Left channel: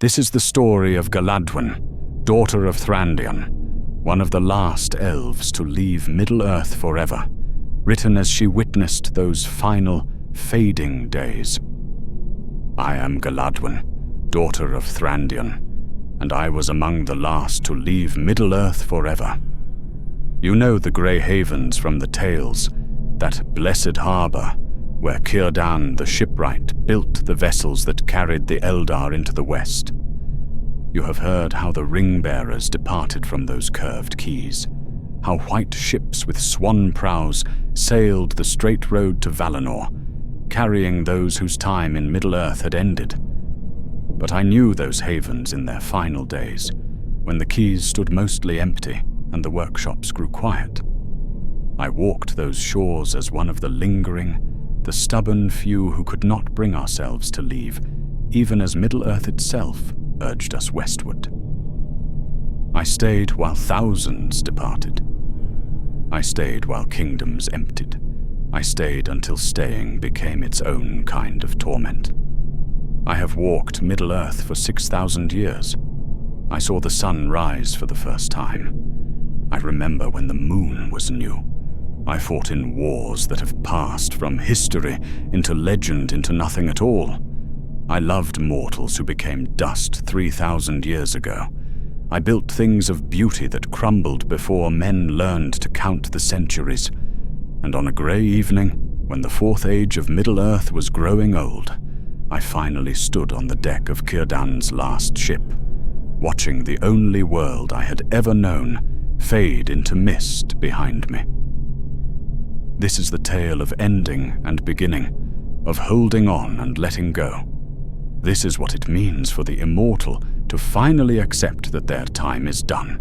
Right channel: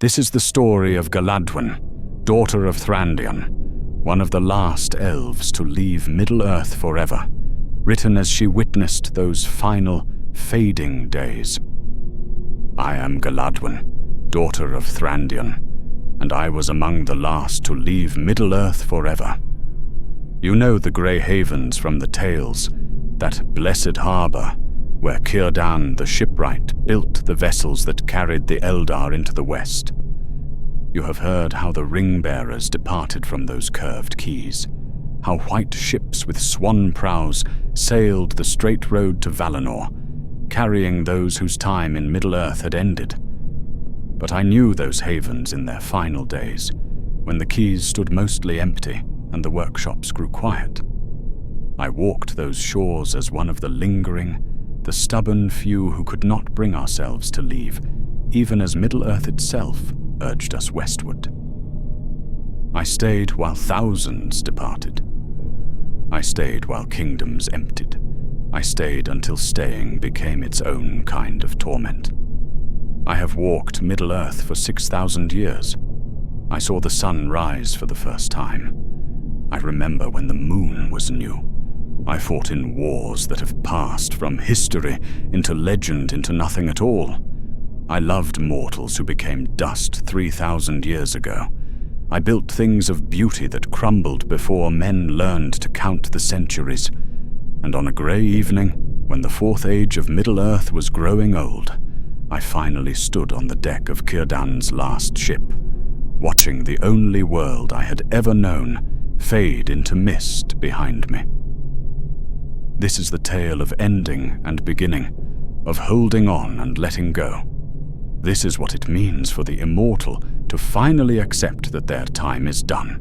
This is the story of Galadwen, daughter of Thrandion, one of the last elves to leave Middle-earth forever, written as she witnessed those final, fading days. I am Galadwen, daughter of Thrandion, and I was among the last to leave Middle-earth forever. You know the Grey Havens from the tales, that blessed harbor where Círdan the shipwright built the vessels that carried the Eldar into the west. You have heard how the ring-bearers departed from those curved quays, how white ships with swan prows sailed the straight road to Valinor, carrying those whose time in Middle-earth had ended. But I knew those havens in their final days, when the quays stood mostly empty and the workshops grew quiet. I walked those shores as one of the lingering, the stubborn few who could not bring ourselves to leave, even as Middle-earth itself urged us westward. I stayed while thousands departed. I stayed while kingdoms emptied. I stayed until staying became its own kind of torment. I have walked Middle-earth for 6,000 years. I saw the sun rise for the first time. I remember when the moon was new. I fought in wars that have passed from history into legend into nothing at all. I loved mortals who became dust 3,000 years ago. I built things of beauty that crumbled before men learned to count the centuries. And on a grey evening, when the fourth age of Middle-earth was growing old, I finally stood on the deck of Círdan's last ship, watching the only world I had ever known fade into mist behind me. This is the tale of ending and beginning, of holding on and letting go. This is what it means for the immortal to finally accept that their time is done.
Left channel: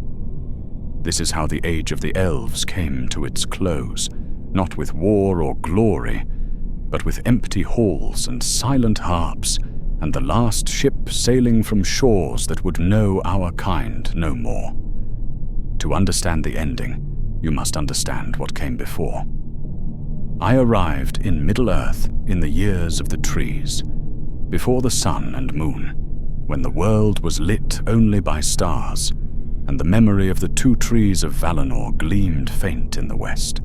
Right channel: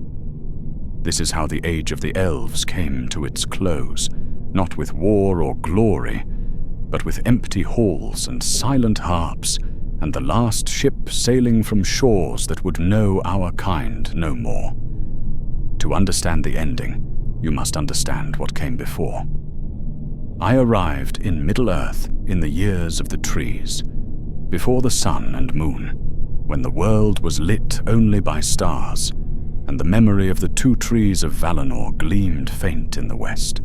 This is how the age of the elves came to its close, not with war or glory, but with empty halls and silent harps, and the last ship sailing from shores that would know our kind no more. To understand the ending, you must understand what came before. I arrived in Middle-earth in the years of the trees, before the sun and moon, when the world was lit only by stars, and the memory of the two trees of Valinor gleamed faint in the west.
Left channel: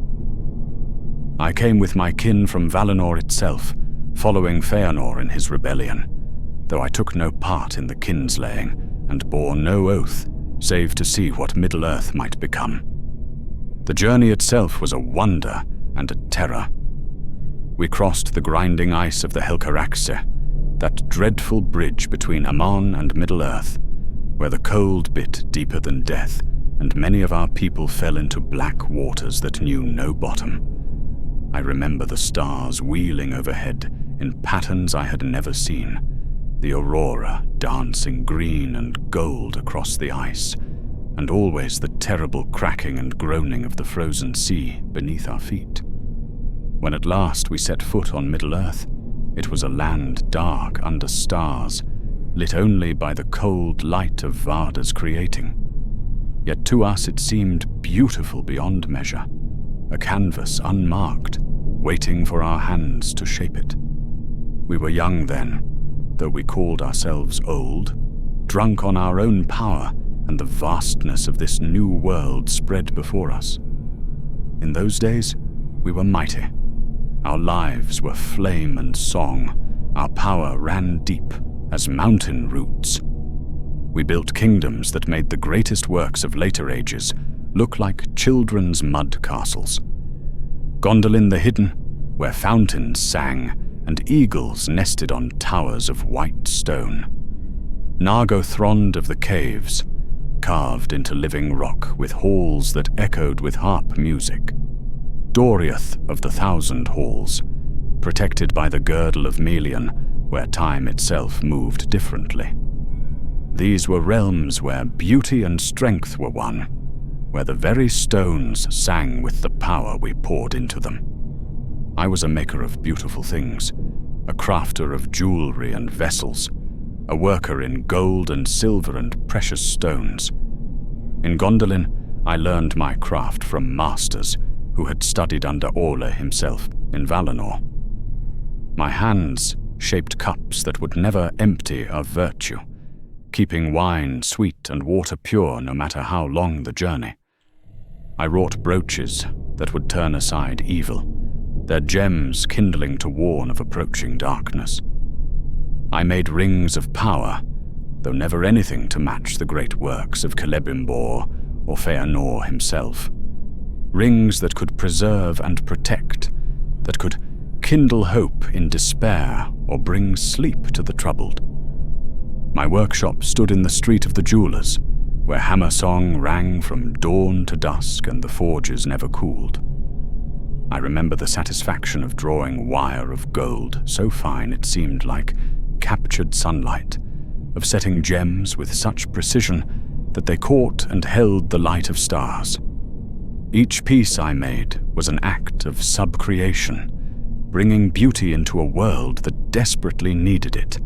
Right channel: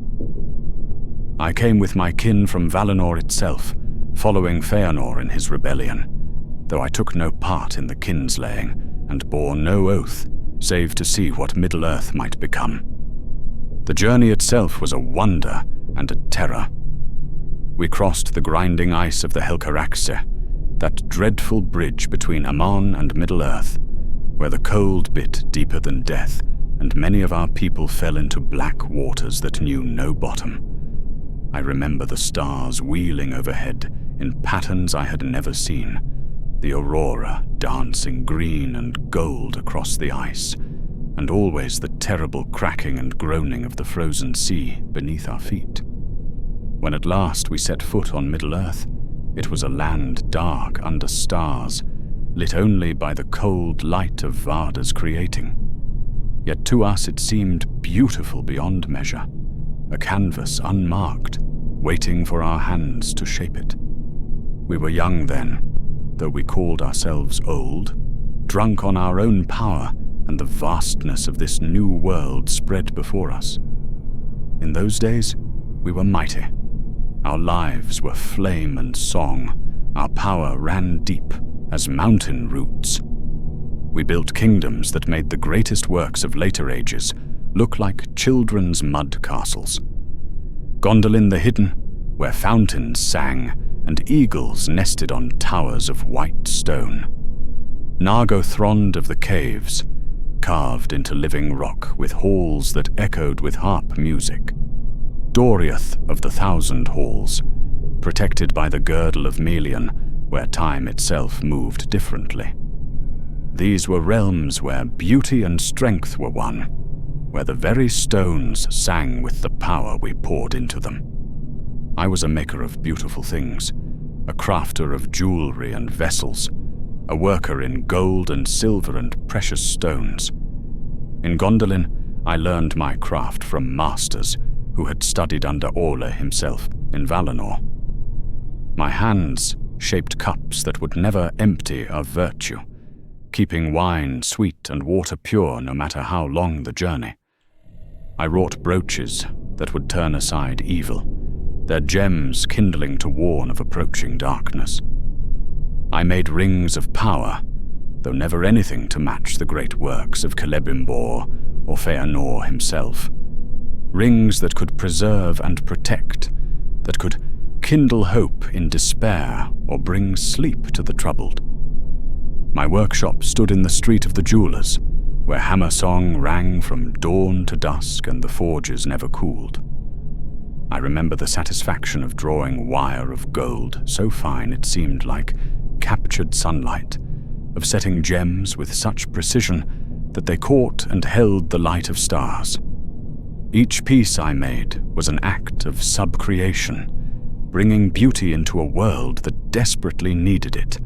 I came with my kin from Valinor itself, following Feanor in his rebellion, though I took no part in the kinslaying and bore no oath, save to see what Middle-earth might become. The journey itself was a wonder and a terror. We crossed the grinding ice of the Helcaraxe, that dreadful bridge between Aman and Middle-earth, where the cold bit deeper than death, and many of our people fell into black waters that knew no bottom. I remember the stars wheeling overhead in patterns I had never seen, the aurora dancing green and gold across the ice, and always the terrible cracking and groaning of the frozen sea beneath our feet. When at last we set foot on Middle-earth, it was a land dark under stars, lit only by the cold light of Varda's creating. Yet to us it seemed beautiful beyond measure, a canvas unmarked, waiting for our hands to shape it. We were young then, though we called ourselves old, drunk on our own power and the vastness of this new world spread before us. In those days, we were mighty. Our lives were flame and song. Our power ran deep as mountain roots. We built kingdoms that made the greatest works of later ages look like children's mud castles. Gondolin the Hidden, where fountains sang and eagles nested on towers of white stone. Nargothrond of the Caves, carved into living rock with halls that echoed with harp music. Doriath of the Thousand Halls, protected by the girdle of Melian, where time itself moved differently. These were realms where beauty and strength were one, where the very stones sang with the power we poured into them. I was a maker of beautiful things, a crafter of jewelry and vessels, a worker in gold and silver and precious stones. In Gondolin, I learned my craft from masters who had studied under Orla himself in Valinor. My hands shaped cups that would never empty of virtue, keeping wine sweet and water pure no matter how long the journey. I wrought brooches that would turn aside evil, their gems kindling to warn of approaching darkness. I made rings of power, though never anything to match the great works of Celebrimbor or Feanor himself. Rings that could preserve and protect, that could kindle hope in despair or bring sleep to the troubled. My workshop stood in the street of the jewelers, where hammer song rang from dawn to dusk and the forges never cooled. I remember the satisfaction of drawing wire of gold so fine it seemed like captured sunlight, of setting gems with such precision that they caught and held the light of stars. Each piece I made was an act of subcreation, bringing beauty into a world that desperately needed it,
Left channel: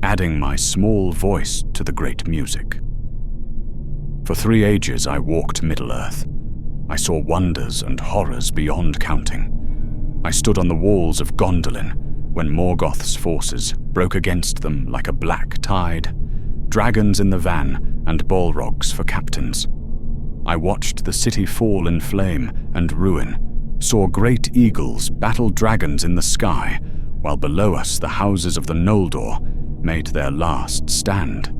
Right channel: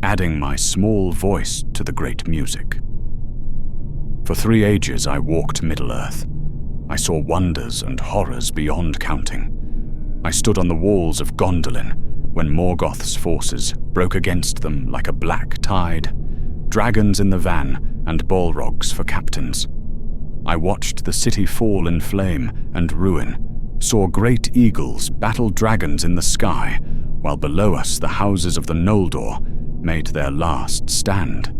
adding my small voice to the great music. For 3 ages I walked Middle-earth. I saw wonders and horrors beyond counting. I stood on the walls of Gondolin when Morgoth's forces broke against them like a black tide, dragons in the van and Balrogs for captains. I watched the city fall in flame and ruin, saw great eagles battle dragons in the sky, while below us the houses of the Noldor made their last stand.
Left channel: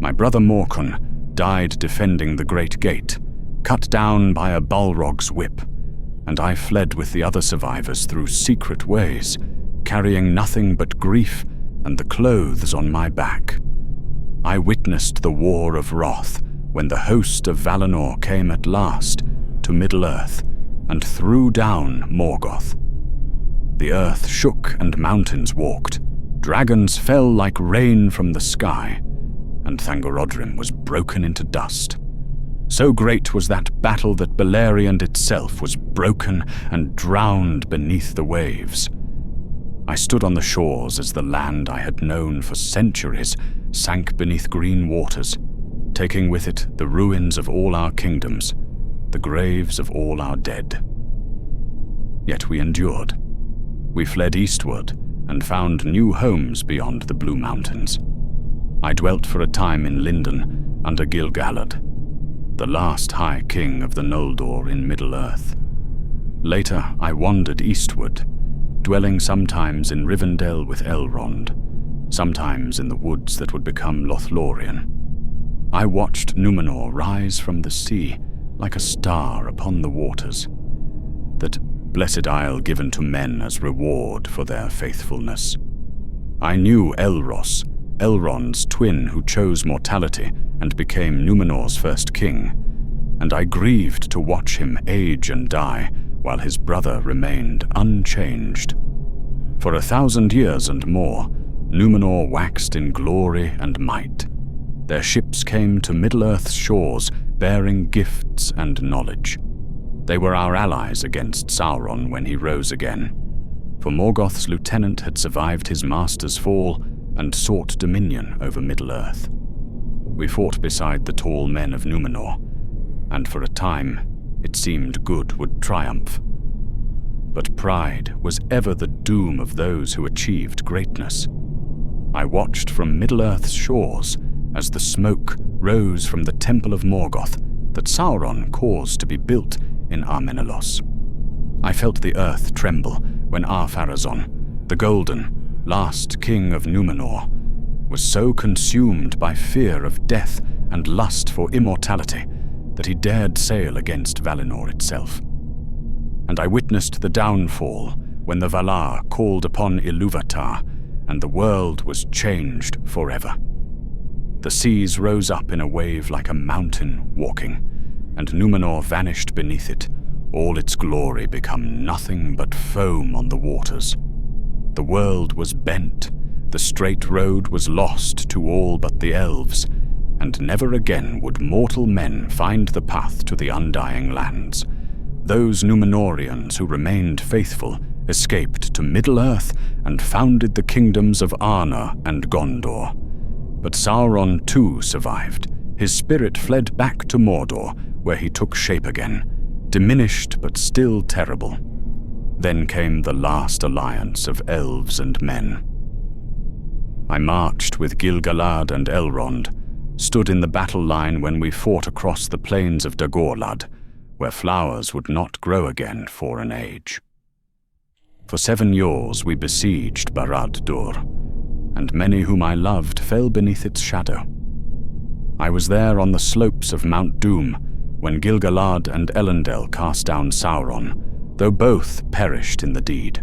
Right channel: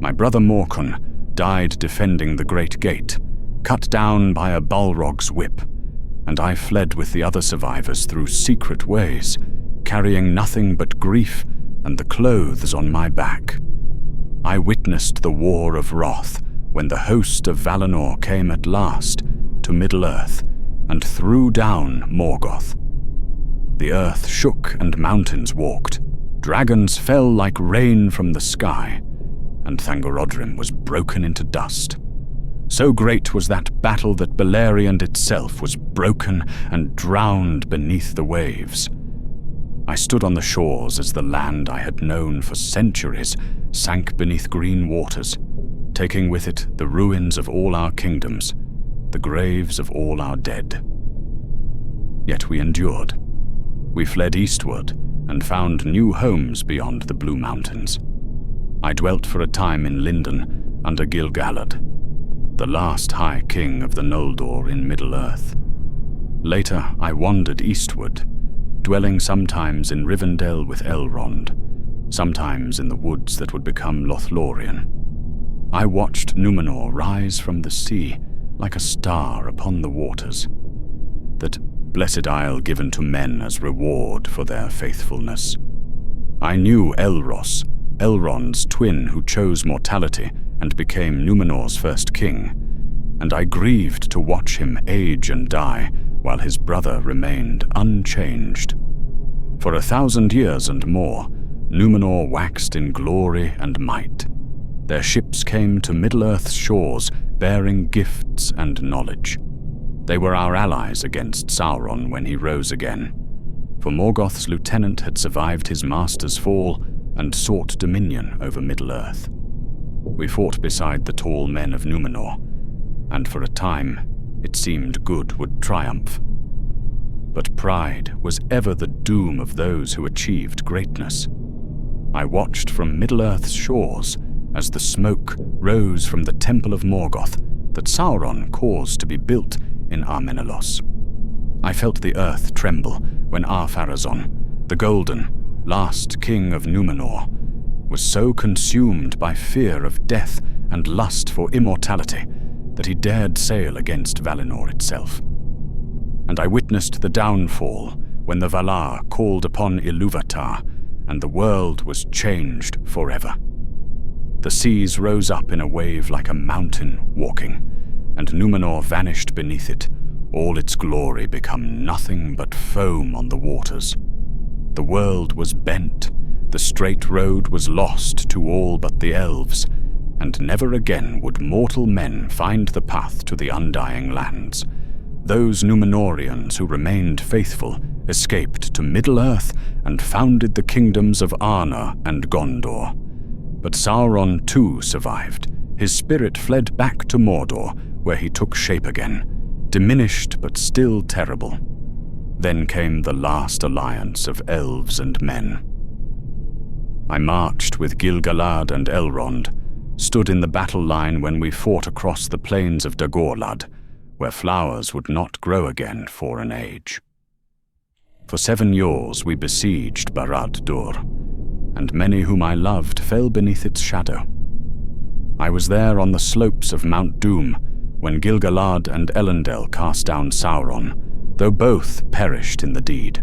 My brother Morcon died defending the great gate, cut down by a Balrog's whip, and I fled with the other survivors through secret ways, carrying nothing but grief and the clothes on my back. I witnessed the War of Wrath when the host of Valinor came at last to Middle-earth and threw down Morgoth. The earth shook and mountains walked. Dragons fell like rain from the sky, and Thangorodrim was broken into dust. So great was that battle that Beleriand itself was broken and drowned beneath the waves. I stood on the shores as the land I had known for centuries sank beneath green waters, taking with it the ruins of all our kingdoms, the graves of all our dead. Yet we endured. We fled eastward and found new homes beyond the Blue Mountains. I dwelt for a time in Lindon under Gil-galad, the last High King of the Noldor in Middle-earth. Later I wandered eastward, dwelling sometimes in Rivendell with Elrond, sometimes in the woods that would become Lothlórien. I watched Numenor rise from the sea like a star upon the waters, that blessed isle given to men as reward for their faithfulness. I knew Elros, Elrond's twin who chose mortality and became Numenor's first king, and I grieved to watch him age and die while his brother remained unchanged. For 1,000 years and more, Numenor waxed in glory and might. Their ships came to Middle-earth's shores bearing gifts and knowledge. They were our allies against Sauron when he rose again, for Morgoth's lieutenant had survived his master's fall and sought dominion over Middle-earth. We fought beside the tall men of Numenor, and for a time it seemed good would triumph. But pride was ever the doom of those who achieved greatness. I watched from Middle-earth's shores as the smoke rose from the temple of Morgoth that Sauron caused to be built in Armenelos. I felt the earth tremble when Ar-Pharazôn, the Golden, last king of Numenor, was so consumed by fear of death and lust for immortality that he dared sail against Valinor itself. And I witnessed the downfall when the Valar called upon Ilúvatar and the world was changed forever. The seas rose up in a wave like a mountain walking, and Numenor vanished beneath it, all its glory become nothing but foam on the waters. The world was bent, the straight road was lost to all but the Elves, and never again would mortal men find the path to the undying lands. Those Númenóreans who remained faithful escaped to Middle-earth and founded the kingdoms of Arnor and Gondor. But Sauron too survived. His spirit fled back to Mordor, where he took shape again, diminished but still terrible. Then came the last alliance of elves and men. I marched with Gil-galad and Elrond, stood in the battle line when we fought across the plains of Dagorlad, where flowers would not grow again for an age. For 7 years we besieged Barad-dûr, and many whom I loved fell beneath its shadow. I was there on the slopes of Mount Doom when Gil-galad and Elendil cast down Sauron, though both perished in the deed.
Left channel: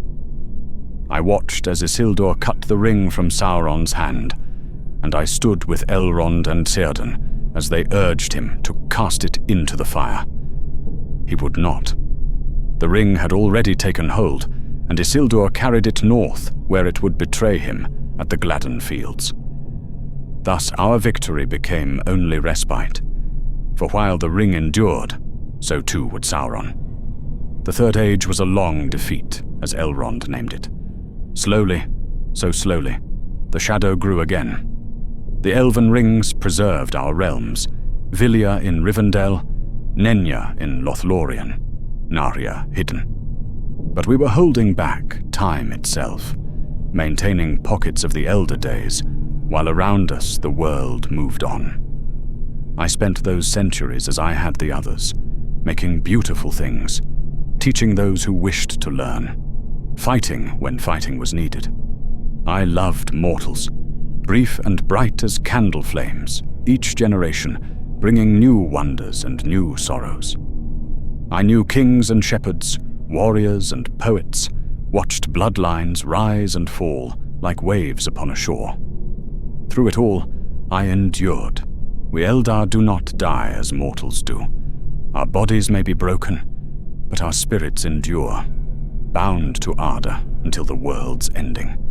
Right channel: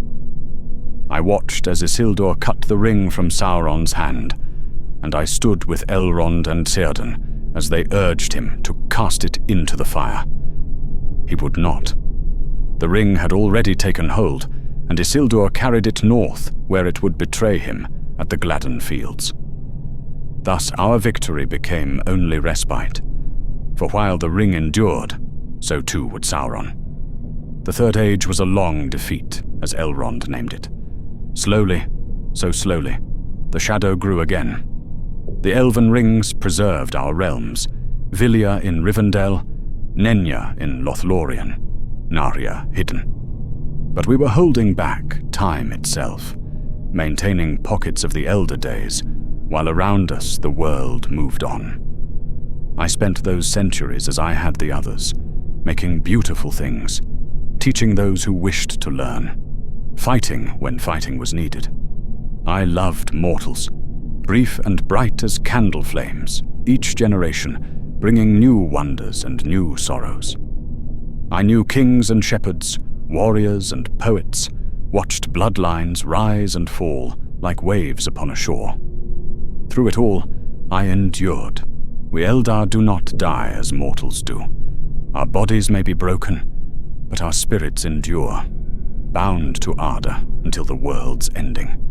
I watched as Isildur cut the ring from Sauron's hand, and I stood with Elrond and Círdan as they urged him to cast it into the fire. He would not. The ring had already taken hold, and Isildur carried it north, where it would betray him at the Gladden Fields. Thus our victory became only respite, for while the ring endured, so too would Sauron. The Third Age was a long defeat, as Elrond named it. Slowly, so slowly, the shadow grew again. The elven rings preserved our realms, Vilya in Rivendell, Nenya in Lothlórien, Narya hidden. But we were holding back time itself, maintaining pockets of the Elder Days, while around us the world moved on. I spent those centuries as I had the others, making beautiful things, teaching those who wished to learn, fighting when fighting was needed. I loved mortals, brief and bright as candle flames, each generation bringing new wonders and new sorrows. I knew kings and shepherds, warriors and poets, watched bloodlines rise and fall like waves upon a shore. Through it all, I endured. We Eldar do not die as mortals do. Our bodies may be broken, but our spirits endure, bound to ardor until the world's ending.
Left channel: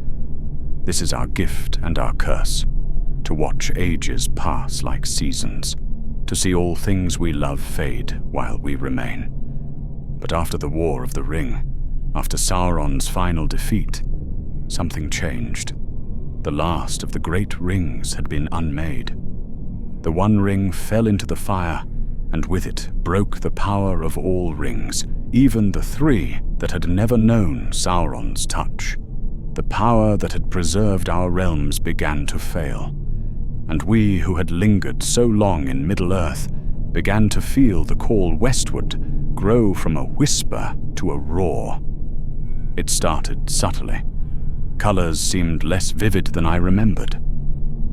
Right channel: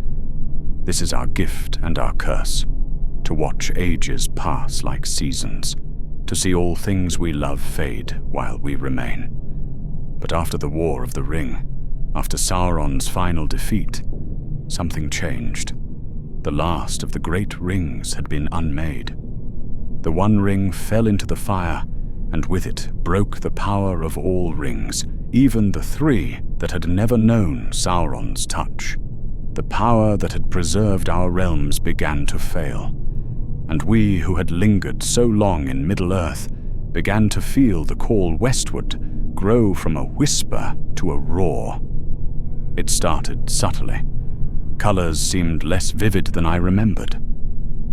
This is our gift and our curse, to watch ages pass like seasons, to see all things we love fade while we remain. But after the War of the Ring, after Sauron's final defeat, something changed. The last of the great rings had been unmade. The one ring fell into the fire, and with it broke the power of all rings, even the 3 that had never known Sauron's touch. The power that had preserved our realms began to fail, and we who had lingered so long in Middle-earth began to feel the call westward grow from a whisper to a roar. It started subtly. Colors seemed less vivid than I remembered.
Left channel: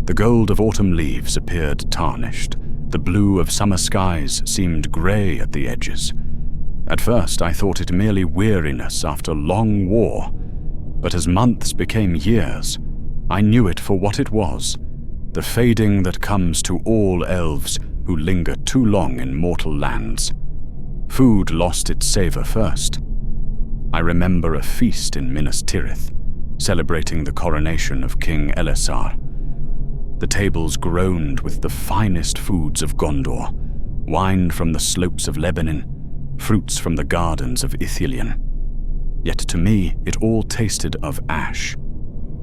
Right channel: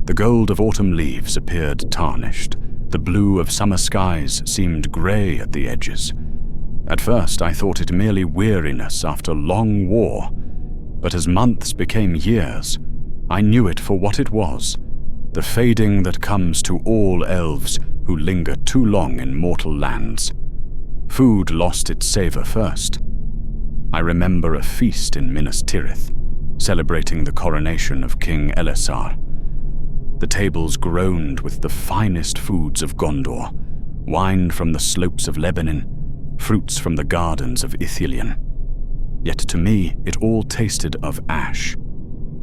The gold of autumn leaves appeared tarnished. The blue of summer skies seemed gray at the edges. At first I thought it merely weariness after long war, but as months became years, I knew it for what it was, the fading that comes to all elves who linger too long in mortal lands. Food lost its savor first. I remember a feast in Minas Tirith, celebrating the coronation of King Elessar. The tables groaned with the finest foods of Gondor, wine from the slopes of Lebanon, fruits from the gardens of Ithilien. Yet to me it all tasted of ash.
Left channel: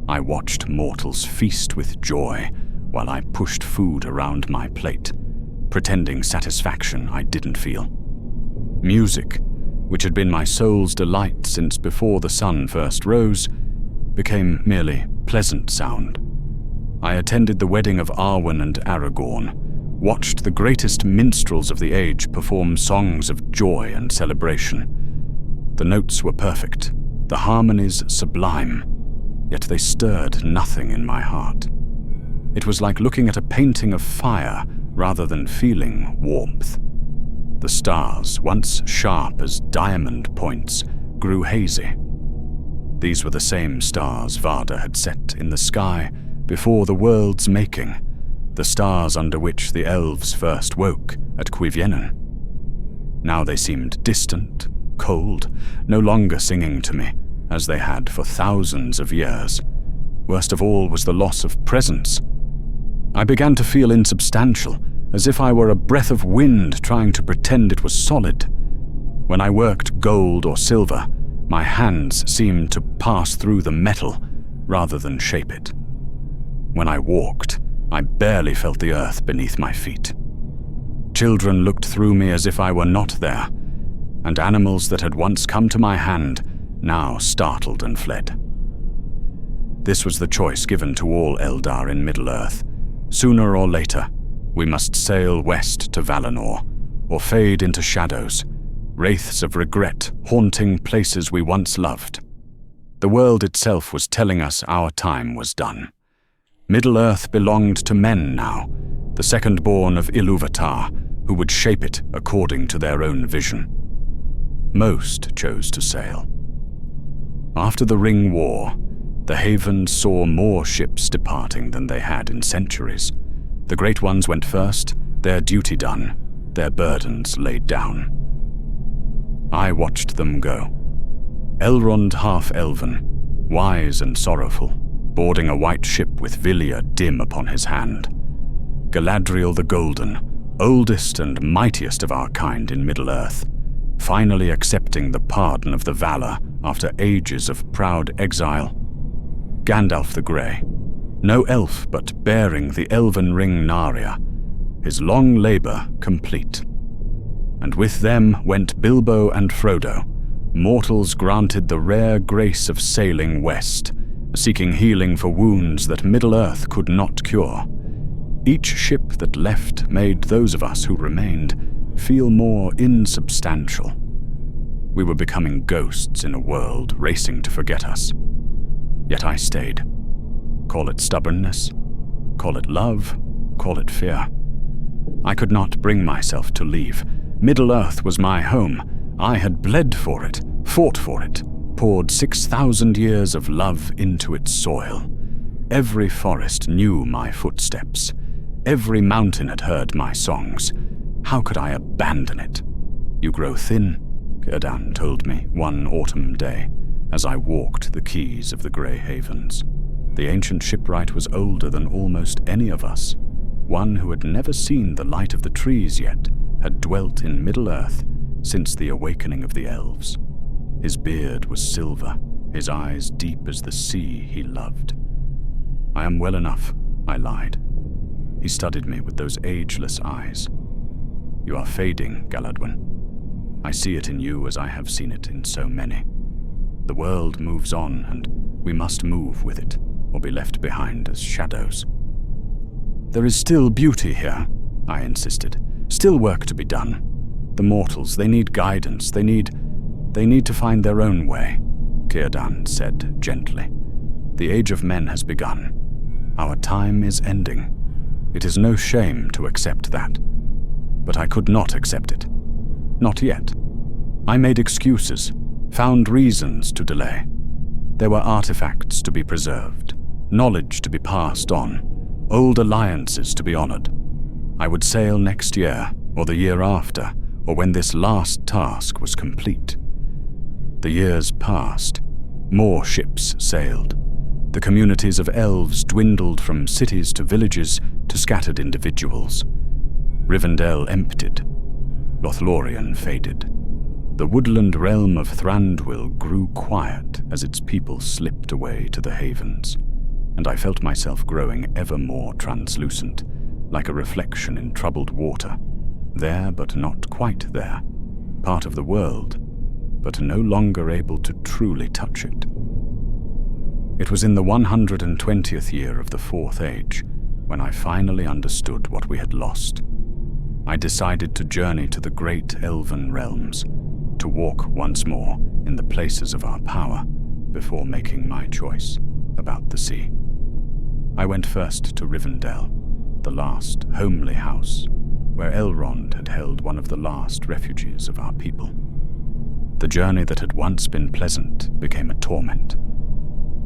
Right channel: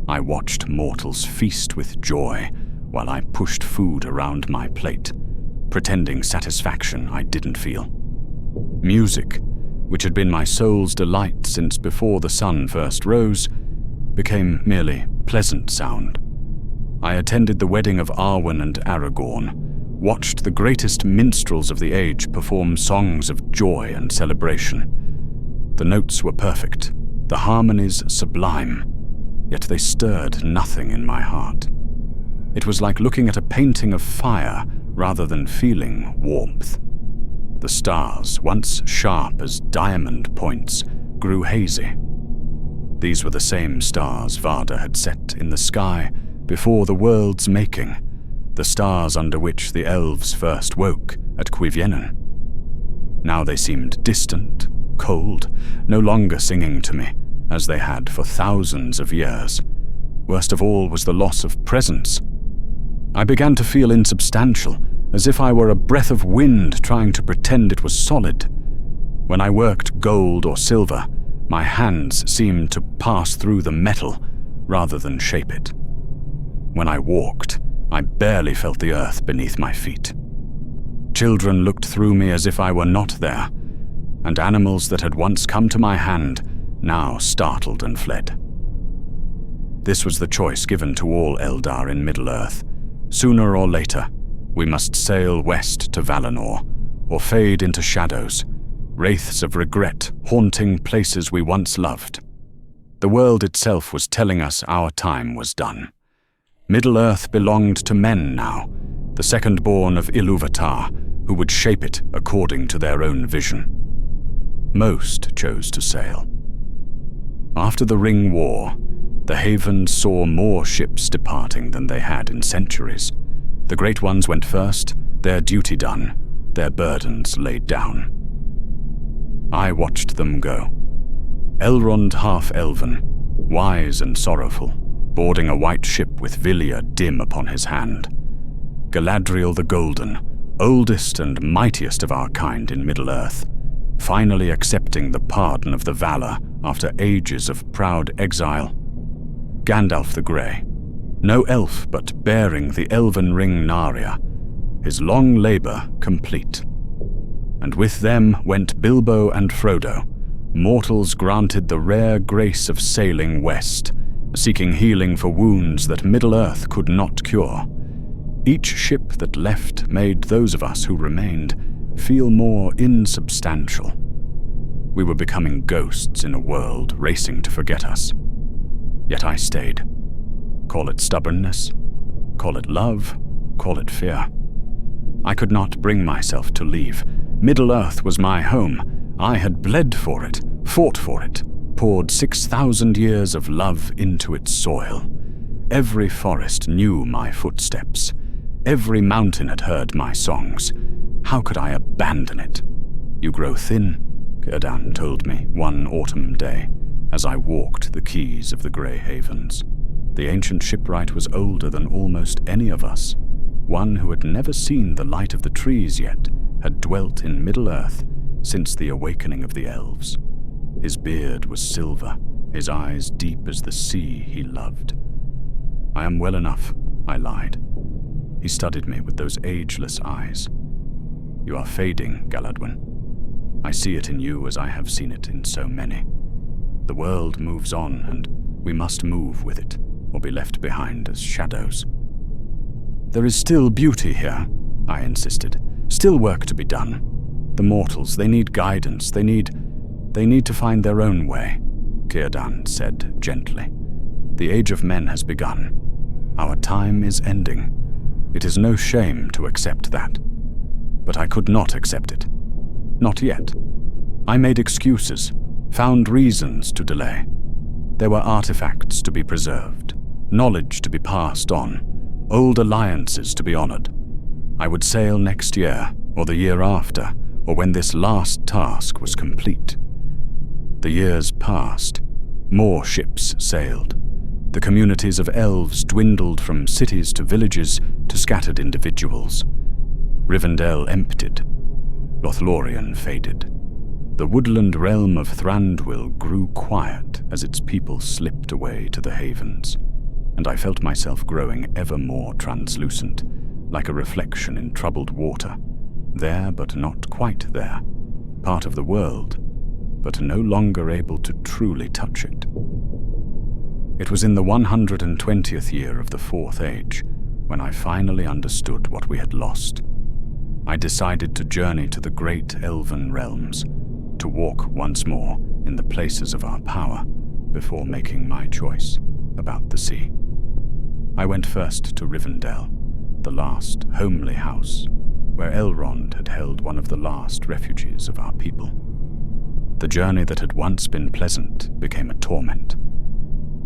I watched mortals feast with joy while I pushed food around my plate, pretending satisfaction I didn't feel. Music, which had been my soul's delight since before the sun first rose, became merely pleasant sound. I attended the wedding of Arwen and Aragorn, watched the greatest minstrels of the age perform songs of joy and celebration. The notes were perfect, the harmonies sublime, yet they stirred nothing in my heart. It was like looking at a painting of fire rather than feeling warmth. The stars, once sharp as diamond points, grew hazy. These were the same stars Varda had set in the sky before the world's making, the stars under which the elves first woke at Cuiviénen. Now they seemed distant, cold, no longer singing to me, as they had for thousands of years. Worst of all was the loss of presence. I began to feel insubstantial, as if I were a breath of wind trying to pretend it was solid. When I worked gold or silver, my hands seemed to pass through the metal rather than shape it. When I walked, I barely felt the earth beneath my feet. Children looked through me as if I were not there, and animals that had once come to my hand now startled and fled. This was the choice given to all Eldar in Middle-earth. Sooner or later, We must sail west to Valinor, or fade into shadows, wraiths of regret haunting places we once loved. The world itself was telling us our time was done. Middle-earth belonged to men now, the second-born of Ilúvatar, who would shape it according to their own vision. Most chose to sail. After the Ring War, the Havens saw more ships departing than they had in centuries. The great ones went first, their duty done, their burdens laid down. I watched them go. Elrond half-elven, wise and sorrowful, boarding a white ship with Vilya dim upon his hand. Galadriel the Golden, oldest and mightiest of our kind in Middle-earth, finally accepting the pardon of the Valar after ages of proud exile. Gandalf the Grey, no elf but bearing the elven ring Narya, his long labor complete. And with them went Bilbo and Frodo, mortals granted the rare grace of sailing west, seeking healing for wounds that Middle-earth could not cure. Each ship that left made those of us who remained feel more insubstantial. We were becoming ghosts in a world racing to forget us. Yet I stayed. Call it stubbornness, call it love, call it fear. I could not bring myself to leave. Middle-earth was my home. I had bled for it, fought for it, poured 6,000 years of love into its soil. Every forest knew my footsteps. Every mountain had heard my songs. How could I abandon it? You grow thin, Círdan told me one autumn day, as I walked the quays of the Grey Havens. The ancient shipwright was older than almost any of us. One who had never seen the light of the trees yet had dwelt in Middle-earth since the awakening of the Elves. His beard was silver, his eyes deep as the sea he loved. I am well enough, I lied. He studied me with those ageless eyes. You are fading, Galadwen. I see it in you as I have seen it in so many. The world moves on, and we must move with it, or be left behind as shadows. There is still beauty here, I insisted. Still work to be done. The mortals, they need guidance. They need to find their own way, Círdan said gently. The age of men has begun. Our time is ending. It is no shame to accept that. But I could not accept it. Not yet. I made excuses, found reasons to delay. There were artifacts to be preserved, knowledge to be passed on, old alliances to be honored. I would sail next year, or the year after, or when this last task was complete. The years passed. More ships sailed. The communities of elves dwindled from cities to villages to scattered individuals. Rivendell emptied. Lothlórien faded. The woodland realm of Thrandion grew quiet as its people slipped away to the havens, and I felt myself growing ever more translucent, like a reflection in troubled water, there but not quite there, part of the world, but no longer able to truly touch it. It was in the 120th year of the Fourth Age when I finally understood what we had lost. I decided to journey to the great elven realms, to walk once more in the places of our power before making my choice about the sea. I went first to Rivendell, the last homely house, where Elrond had held one of the last refuges of our people. The journey that had once been pleasant became a torment.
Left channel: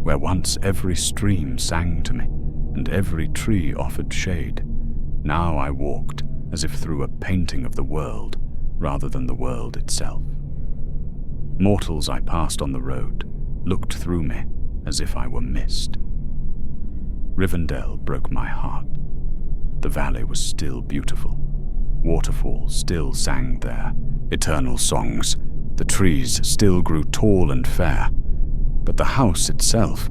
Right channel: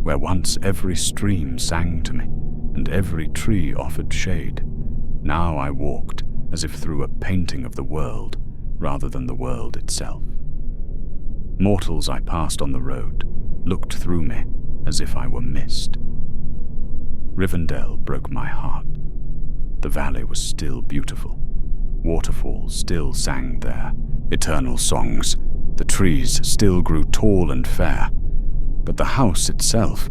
Where once every stream sang to me, and every tree offered shade, now I walked as if through a painting of the world, rather than the world itself. Mortals I passed on the road looked through me as if I were mist. Rivendell broke my heart. The valley was still beautiful. Waterfalls still sang there, eternal songs. The trees still grew tall and fair. But the house itself,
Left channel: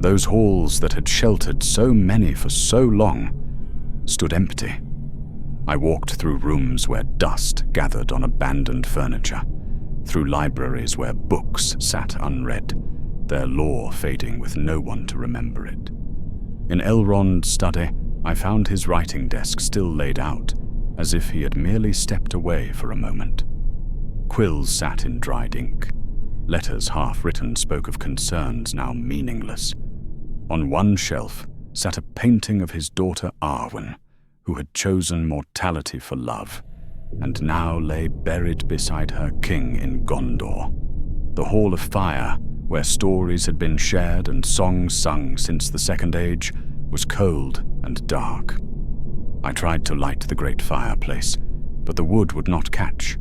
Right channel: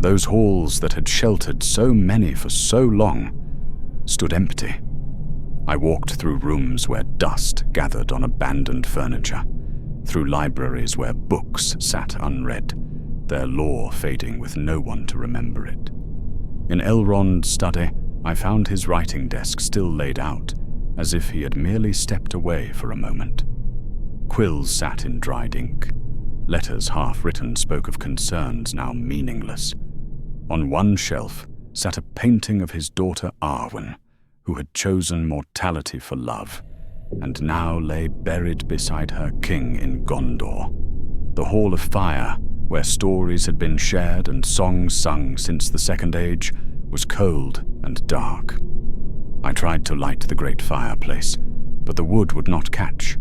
those halls that had sheltered so many for so long, stood empty. I walked through rooms where dust gathered on abandoned furniture, through libraries where books sat unread, their lore fading with no one to remember it. In Elrond's study, I found his writing desk still laid out, as if he had merely stepped away for a moment. Quills sat in dried ink. Letters half-written spoke of concerns now meaningless. On one shelf sat a painting of his daughter Arwen, who had chosen mortality for love, and now lay buried beside her king in Gondor. The Hall of Fire, where stories had been shared and songs sung since the Second Age, was cold and dark. I tried to light the great fireplace, but the wood would not catch.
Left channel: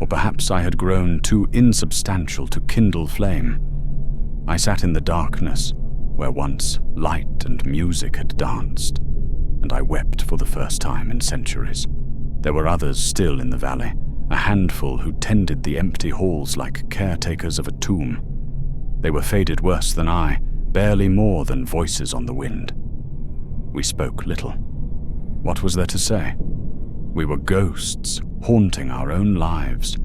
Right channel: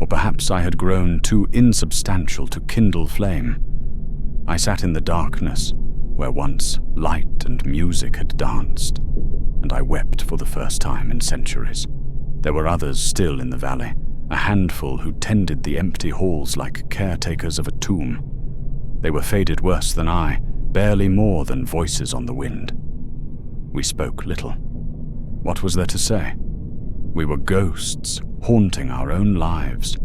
Or perhaps I had grown too insubstantial to kindle flame. I sat in the darkness, where once light and music had danced, and I wept for the first time in centuries. There were others still in the valley, a handful who tended the empty halls like caretakers of a tomb. They were faded worse than I, barely more than voices on the wind. We spoke little. What was there to say? We were ghosts, haunting our own lives,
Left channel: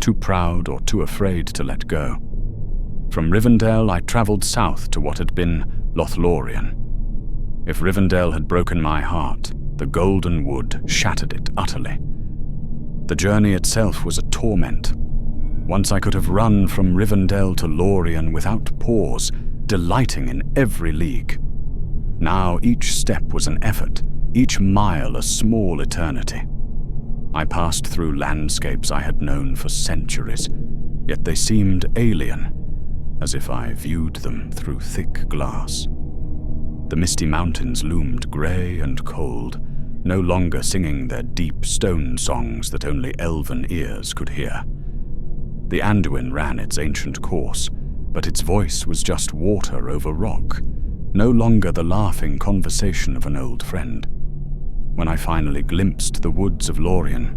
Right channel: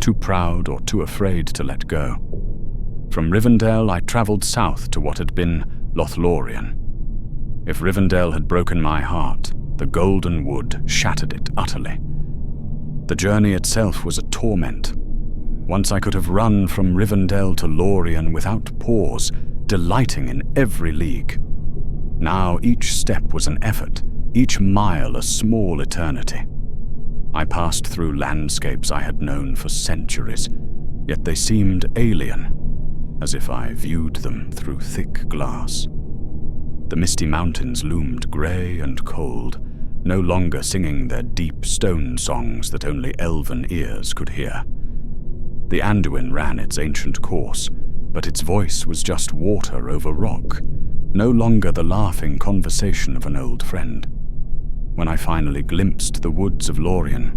too proud or too afraid to let go. From Rivendell, I travelled south to what had been Lothlórien. If Rivendell had broken my heart, the golden wood shattered it utterly. The journey itself was a torment. Once I could have run from Rivendell to Lórien without pause, delighting in every league. Now each step was an effort, each mile a small eternity. I passed through landscapes I had known for centuries, yet they seemed alien, as if I viewed them through thick glass. The misty mountains loomed grey and cold, no longer singing their deep stone songs that only elven ears could hear. The Anduin ran its ancient course, but its voice was just water over rock, no longer the laughing conversation of an old friend. When I finally glimpsed the woods of Lórien,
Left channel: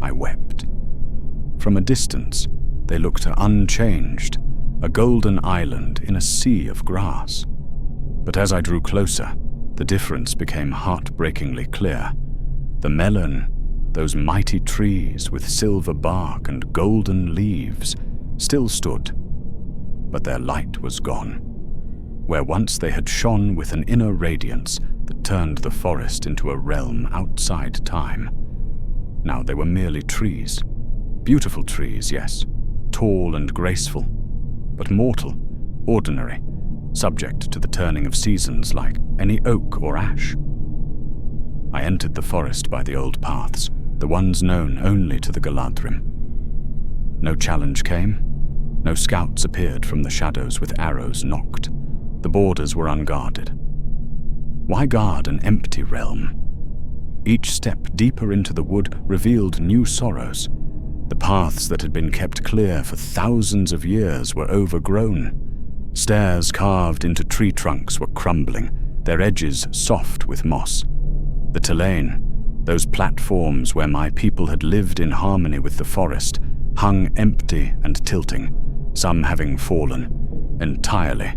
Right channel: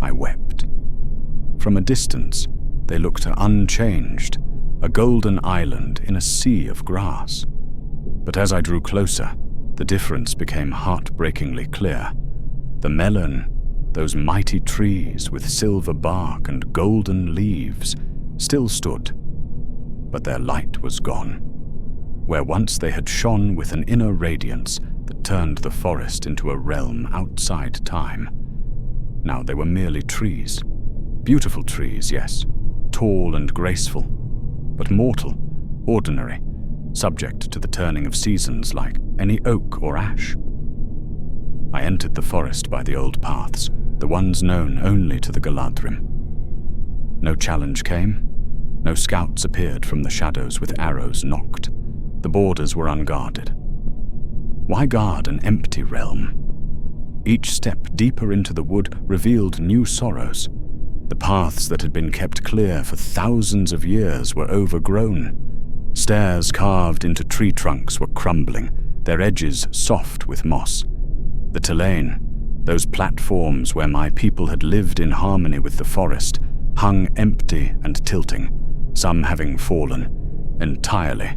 I wept. From a distance, they looked unchanged, a golden island in a sea of grass. But as I drew closer, the difference became heartbreakingly clear. The melon, those mighty trees with silver bark and golden leaves, still stood, but their light was gone. Where once they had shone with an inner radiance that turned the forest into a realm outside time, now they were merely trees. Beautiful trees, yes, tall and graceful, but mortal, ordinary, subject to the turning of seasons like any oak or ash. I entered the forest by the old paths, the ones known only to the Galadrim. No challenge came. No scouts appeared from the shadows with arrows nocked. The borders were unguarded. Why guard an empty realm? Each step deeper into the wood revealed new sorrows. The paths that had been kept clear for thousands of years were overgrown. Stairs carved into tree trunks were crumbling, their edges soft with moss. The Talain, those platforms where my people had lived in harmony with the forest, hung empty and tilting, some having fallen entirely,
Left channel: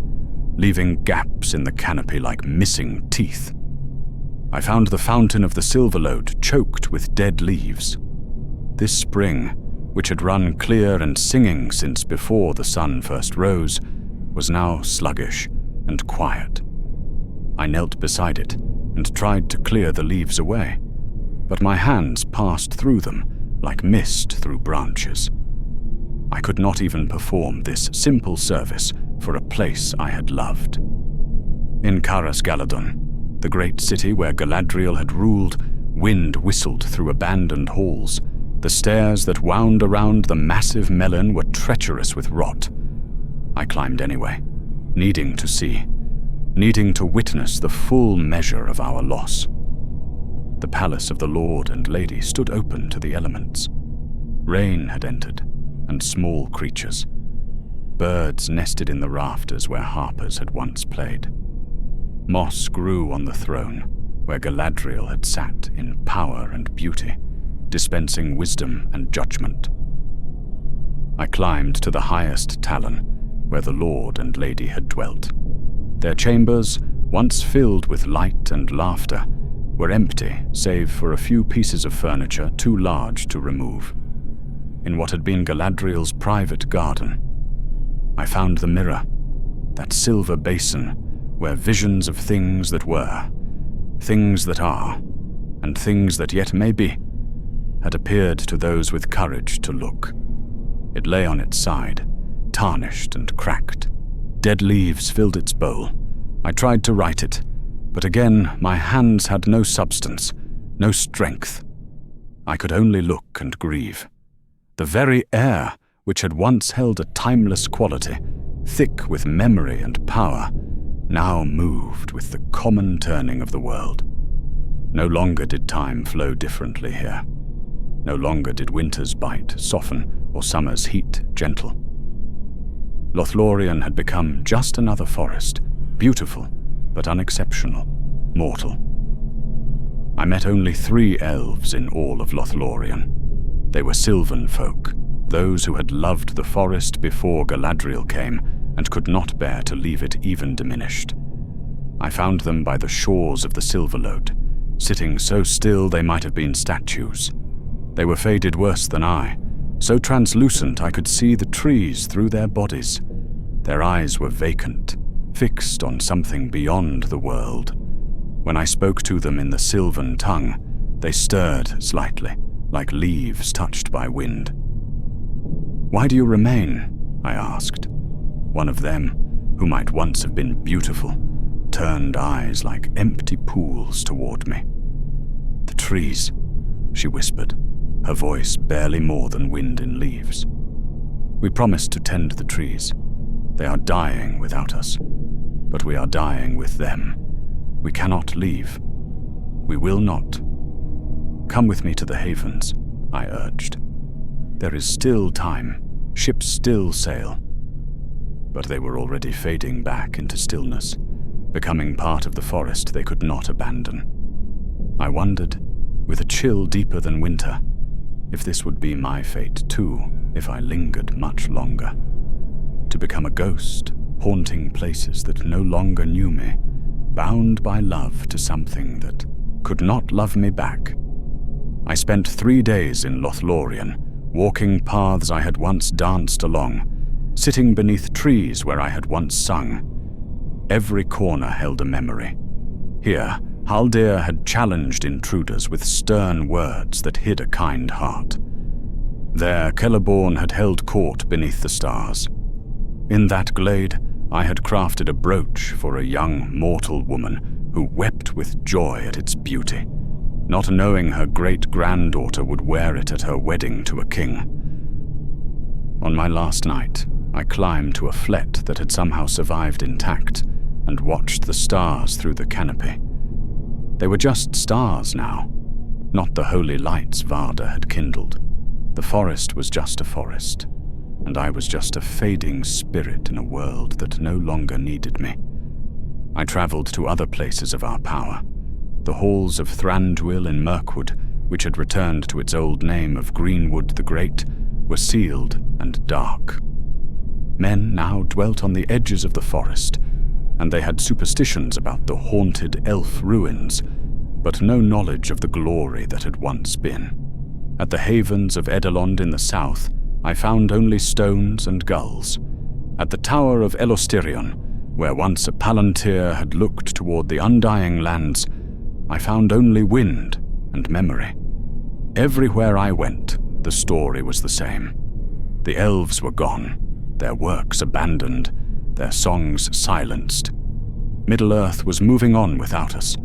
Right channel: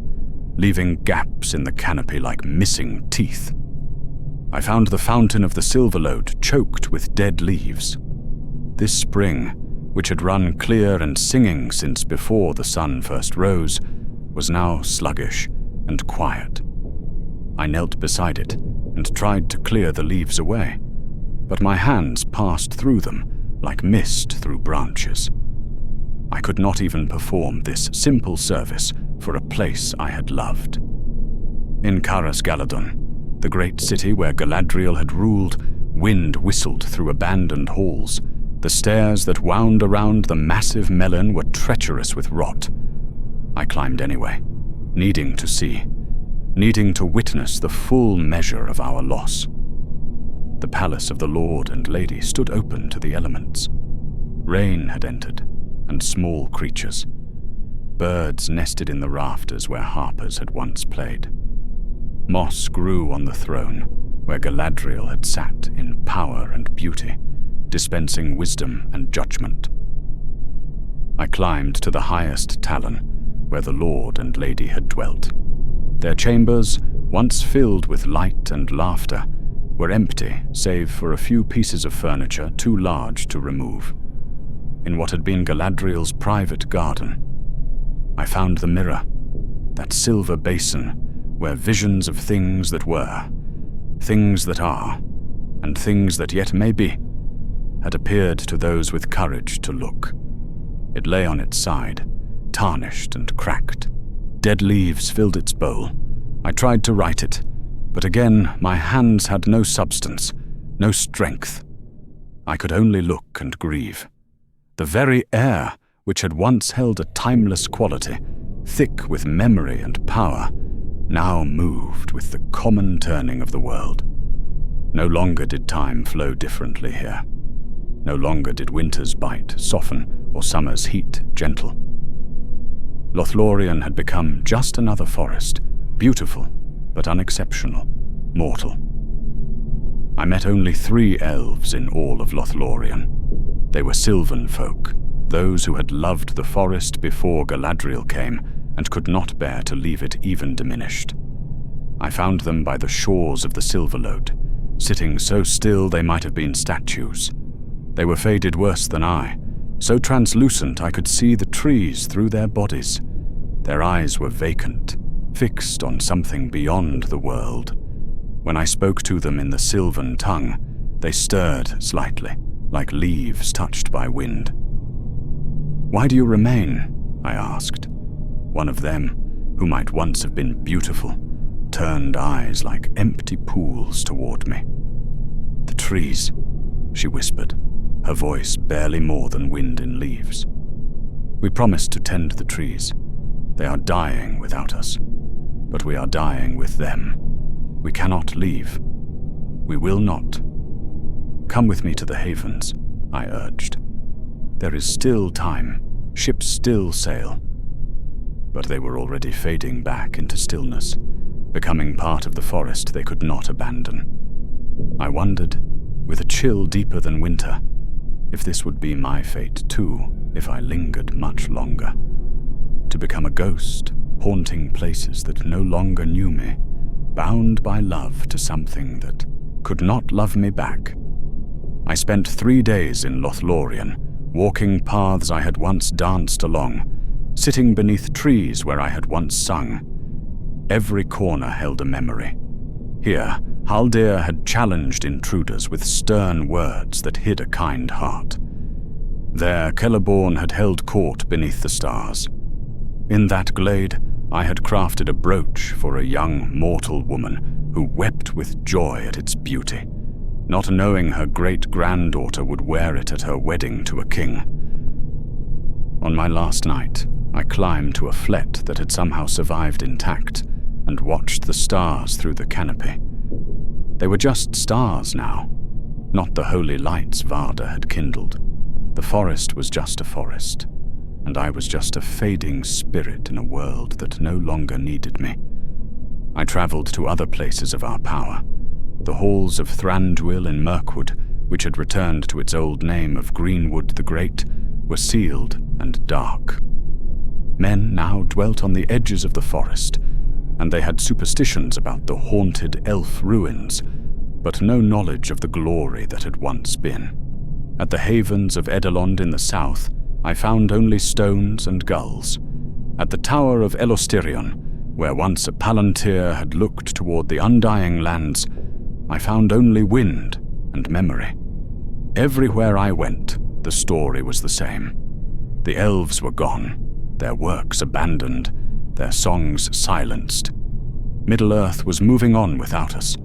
leaving gaps in the canopy like missing teeth. I found the fountain of the Silverlode choked with dead leaves. This spring, which had run clear and singing since before the sun first rose, was now sluggish and quiet. I knelt beside it and tried to clear the leaves away, but my hands passed through them like mist through branches. I could not even perform this simple service for a place I had loved. In Caras Galadon, the great city where Galadriel had ruled, wind whistled through abandoned halls. The stairs that wound around the massive melon were treacherous with rot. I climbed anyway, needing to see, needing to witness the full measure of our loss. The palace of the Lord and Lady stood open to the elements. Rain had entered, and small creatures. Birds nested in the rafters where harpers had once played. Moss grew on the throne, where Galadriel had sat in power and beauty, dispensing wisdom and judgment. I climbed to the highest talon, where the Lord and Lady had dwelt. Their chambers, once filled with light and laughter, were empty save for a few pieces of furniture too large to remove. In what had been Galadriel's private garden, I found the mirror, that silver basin where visions of things that were things that are, and things that yet may be, had appeared to those with courage to look. It lay on its side, tarnished and cracked. Dead leaves filled its bowl. I tried to write it, but again my hands had no substance, no strength. I could only look and grieve. The very air, which had once held a timeless quality, thick with memory and power, now moved with the common turning of the world. No longer did time flow differently here. No longer did winter's bite soften or summer's heat gentle. Lothlórien had become just another forest, beautiful but unexceptional, mortal. I met only 3 elves in all of Lothlórien. They were sylvan folk, those who had loved the forest before Galadriel came and could not bear to leave it even diminished. I found them by the shores of the Silverlode, sitting so still they might have been statues. They were faded worse than I, so translucent I could see the trees through their bodies. Their eyes were vacant, fixed on something beyond the world. When I spoke to them in the sylvan tongue, they stirred slightly, like leaves touched by wind. "Why do you remain?" I asked. One of them, who might once have been beautiful, turned eyes like empty pools toward me. "The trees," she whispered, her voice barely more than wind in leaves. "We promised to tend the trees. They are dying without us, but we are dying with them. We cannot leave. We will not. Come with me to the havens," I urged. "There is still time. Ships still sail." But they were already fading back into stillness, becoming part of the forest they could not abandon. I wondered, with a chill deeper than winter, if this would be my fate too, if I lingered much longer. To become a ghost, haunting places that no longer knew me, bound by love to something that could not love me back. I spent 3 days in Lothlórien, walking paths I had once danced along, sitting beneath trees where I had once sung. Every corner held a memory. Here, Haldir had challenged intruders with stern words that hid a kind heart. There, Celeborn had held court beneath the stars. In that glade, I had crafted a brooch for a young mortal woman who wept with joy at its beauty, not knowing her great-granddaughter would wear it at her wedding to a king. On my last night, I climbed to a flet that had somehow survived intact and watched the stars through the canopy. They were just stars now, not the holy lights Varda had kindled. The forest was just a forest, and I was just a fading spirit in a world that no longer needed me. I traveled to other places of our power. The halls of Thrandion in Mirkwood, which had returned to its old name of Greenwood the Great, were sealed and dark. Men now dwelt on the edges of the forest, and they had superstitions about the haunted elf ruins, but no knowledge of the glory that had once been. At the havens of Elrond in the south, I found only stones and gulls. At the tower of Elostirion, where once a palantir had looked toward the undying lands, I found only wind and memory. Everywhere I went, the story was the same. The elves were gone, their works abandoned, their songs silenced. Middle-earth was moving on without us,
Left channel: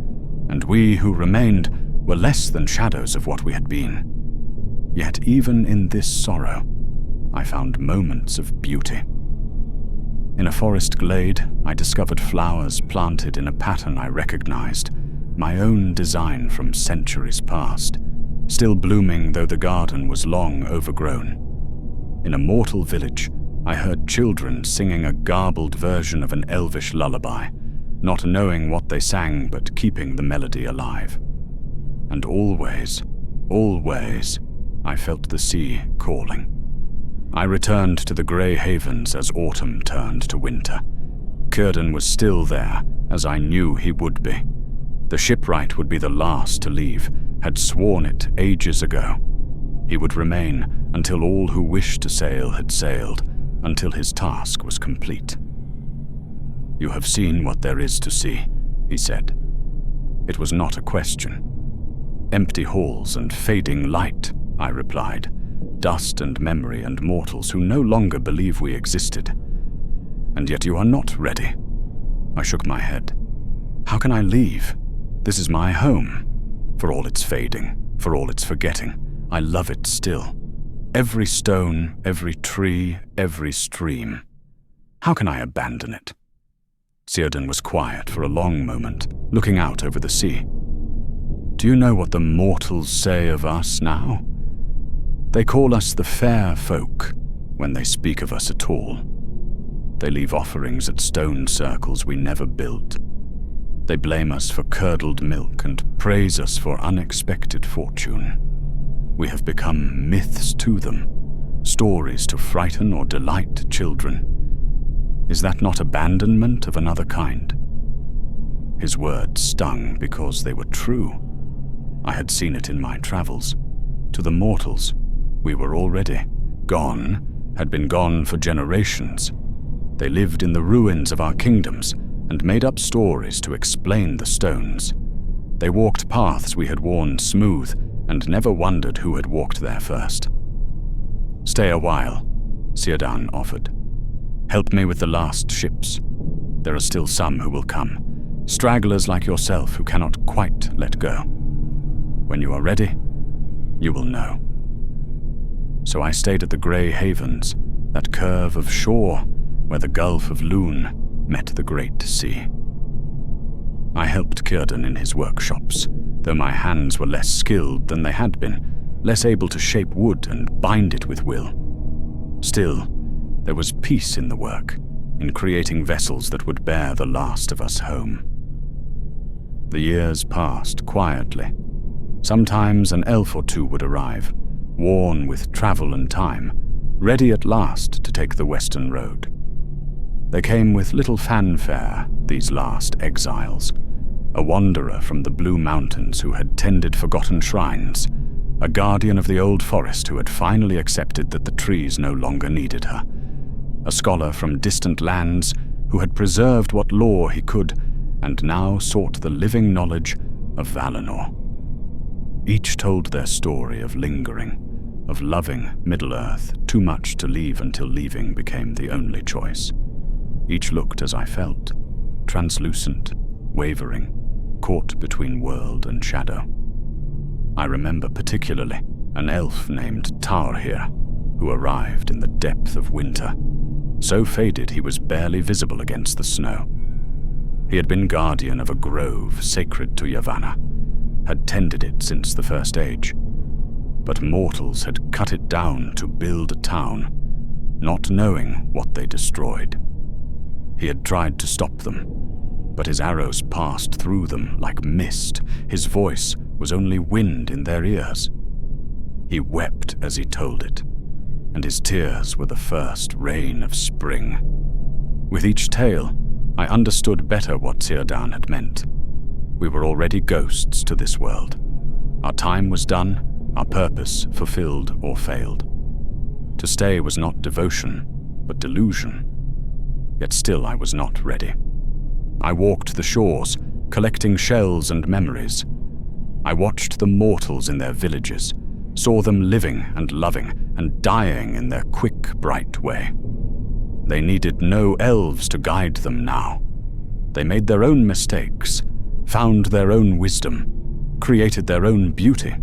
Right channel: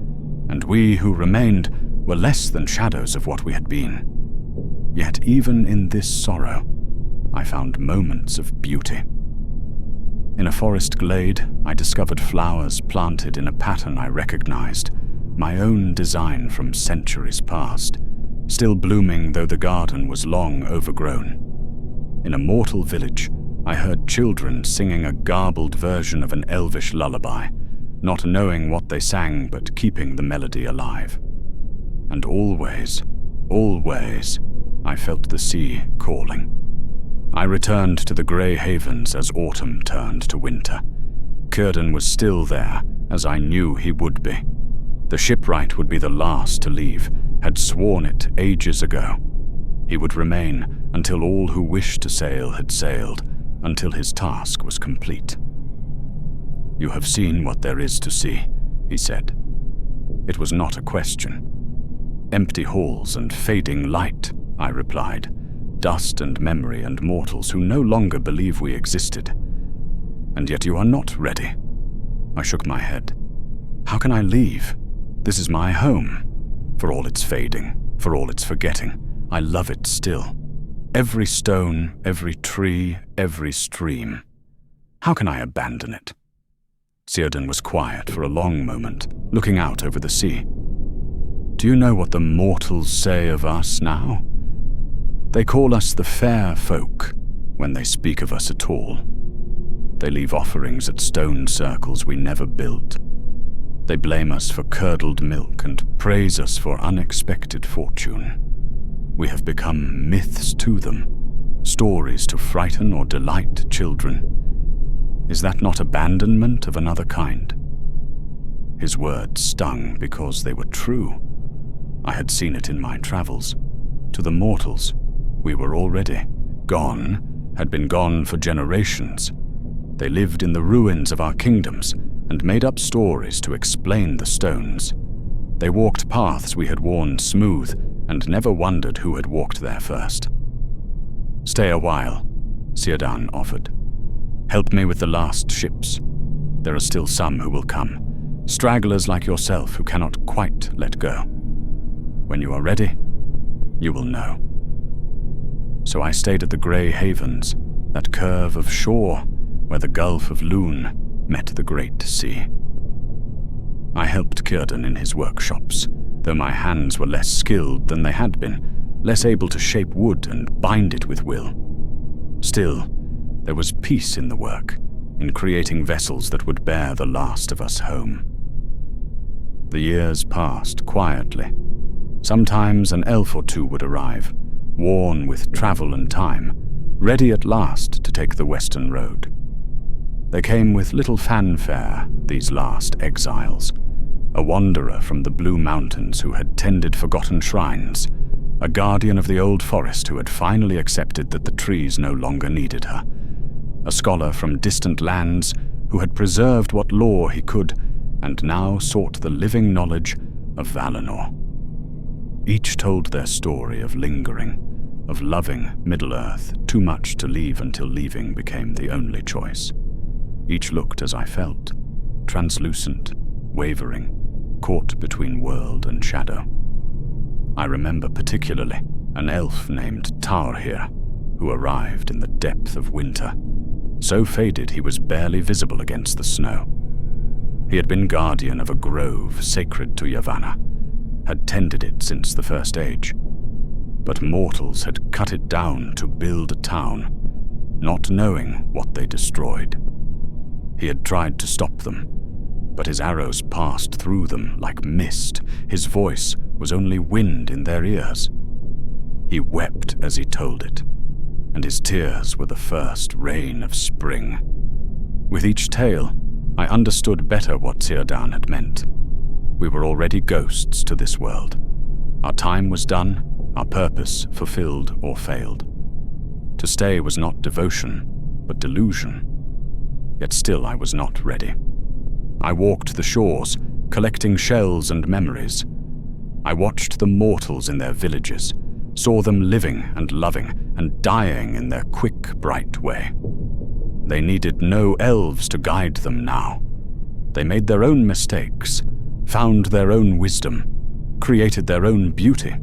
and we who remained were less than shadows of what we had been. Yet even in this sorrow, I found moments of beauty. In a forest glade, I discovered flowers planted in a pattern I recognized, my own design from centuries past, still blooming though the garden was long overgrown. In a mortal village, I heard children singing a garbled version of an elvish lullaby, not knowing what they sang but keeping the melody alive. And always, always, I felt the sea calling. I returned to the grey havens as autumn turned to winter. Círdan was still there, as I knew he would be. The shipwright would be the last to leave, had sworn it ages ago. He would remain until all who wished to sail had sailed, until his task was complete. "You have seen what there is to see," he said. It was not a question. Empty halls and fading light, I replied. Dust and memory and mortals who no longer believe we existed. And yet you are not ready. I shook my head. How can I leave? This is my home. For all its fading, for all its forgetting, I love it still. Every stone, every tree, every stream. How can I abandon it? Círdan was quiet for a long moment, looking out over the sea. Do you know what the mortals say of us now? They call us the fair folk when they speak of us at all. They leave offerings at stone circles we never built. They blame us for curdled milk and praise us for unexpected fortune. We have become myths to them, stories to frighten or delight children. Is that not abandonment of another kind? His words stung because they were true. I had seen it in my travels. To the mortals, we were already gone, had been gone for generations. They lived in the ruins of our kingdoms and made up stories to explain the stones. They walked paths we had worn smooth and never wondered who had walked there first. Stay a while, Círdan offered. Help me with the last ships. There are still some who will come, stragglers like yourself who cannot quite let go. When you are ready, you will know. So I stayed at the Grey Havens, that curve of shore where the Gulf of Lune met the Great Sea. I helped Círdan in his workshops, though my hands were less skilled than they had been, less able to shape wood and bind it with will. Still, there was peace in the work, in creating vessels that would bear the last of us home. The years passed quietly. Sometimes an elf or two would arrive, worn with travel and time, ready at last to take the western road. They came with little fanfare, these last exiles. A wanderer from the Blue Mountains who had tended forgotten shrines, a guardian of the old forest who had finally accepted that the trees no longer needed her, a scholar from distant lands who had preserved what lore he could and now sought the living knowledge of Valinor. Each told their story of lingering, of loving Middle-earth too much to leave until leaving became the only choice. Each looked as I felt, translucent, wavering, caught between world and shadow. I remember particularly an elf named Tarhir, who arrived in the depth of winter, so faded he was barely visible against the snow. He had been guardian of a grove sacred to Yavanna, had tended it since the First Age, but mortals had cut it down to build a town, not knowing what they destroyed. He had tried to stop them, but his arrows passed through them like mist. His voice was only wind in their ears. He wept as he told it, and his tears were the first rain of spring. With each tale, I understood better what Círdan had meant. We were already ghosts to this world. Our time was done, our purpose fulfilled or failed. To stay was not devotion, but delusion. Yet still I was not ready. I walked the shores, collecting shells and memories. I watched the mortals in their villages, saw them living and loving and dying in their quick, bright way. They needed no elves to guide them now. They made their own mistakes, found their own wisdom, created their own beauty.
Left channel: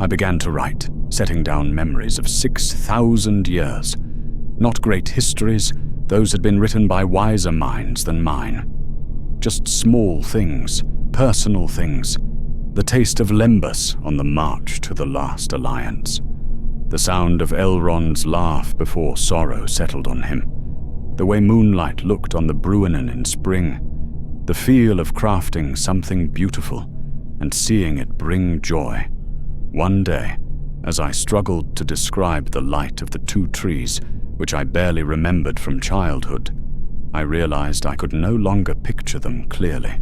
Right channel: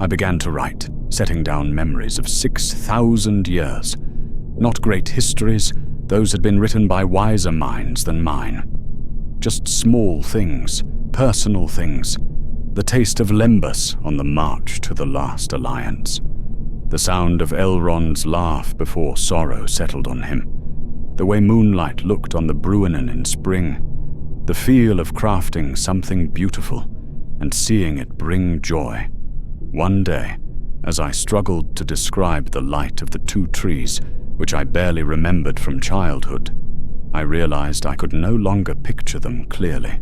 I began to write, setting down memories of 6,000 years. Not great histories, those had been written by wiser minds than mine. Just small things, personal things. The taste of Lembas on the march to the last alliance. The sound of Elrond's laugh before sorrow settled on him. The way moonlight looked on the Bruinen in spring. The feel of crafting something beautiful and seeing it bring joy. One day, as I struggled to describe the light of the two trees, which I barely remembered from childhood, I realized I could no longer picture them clearly.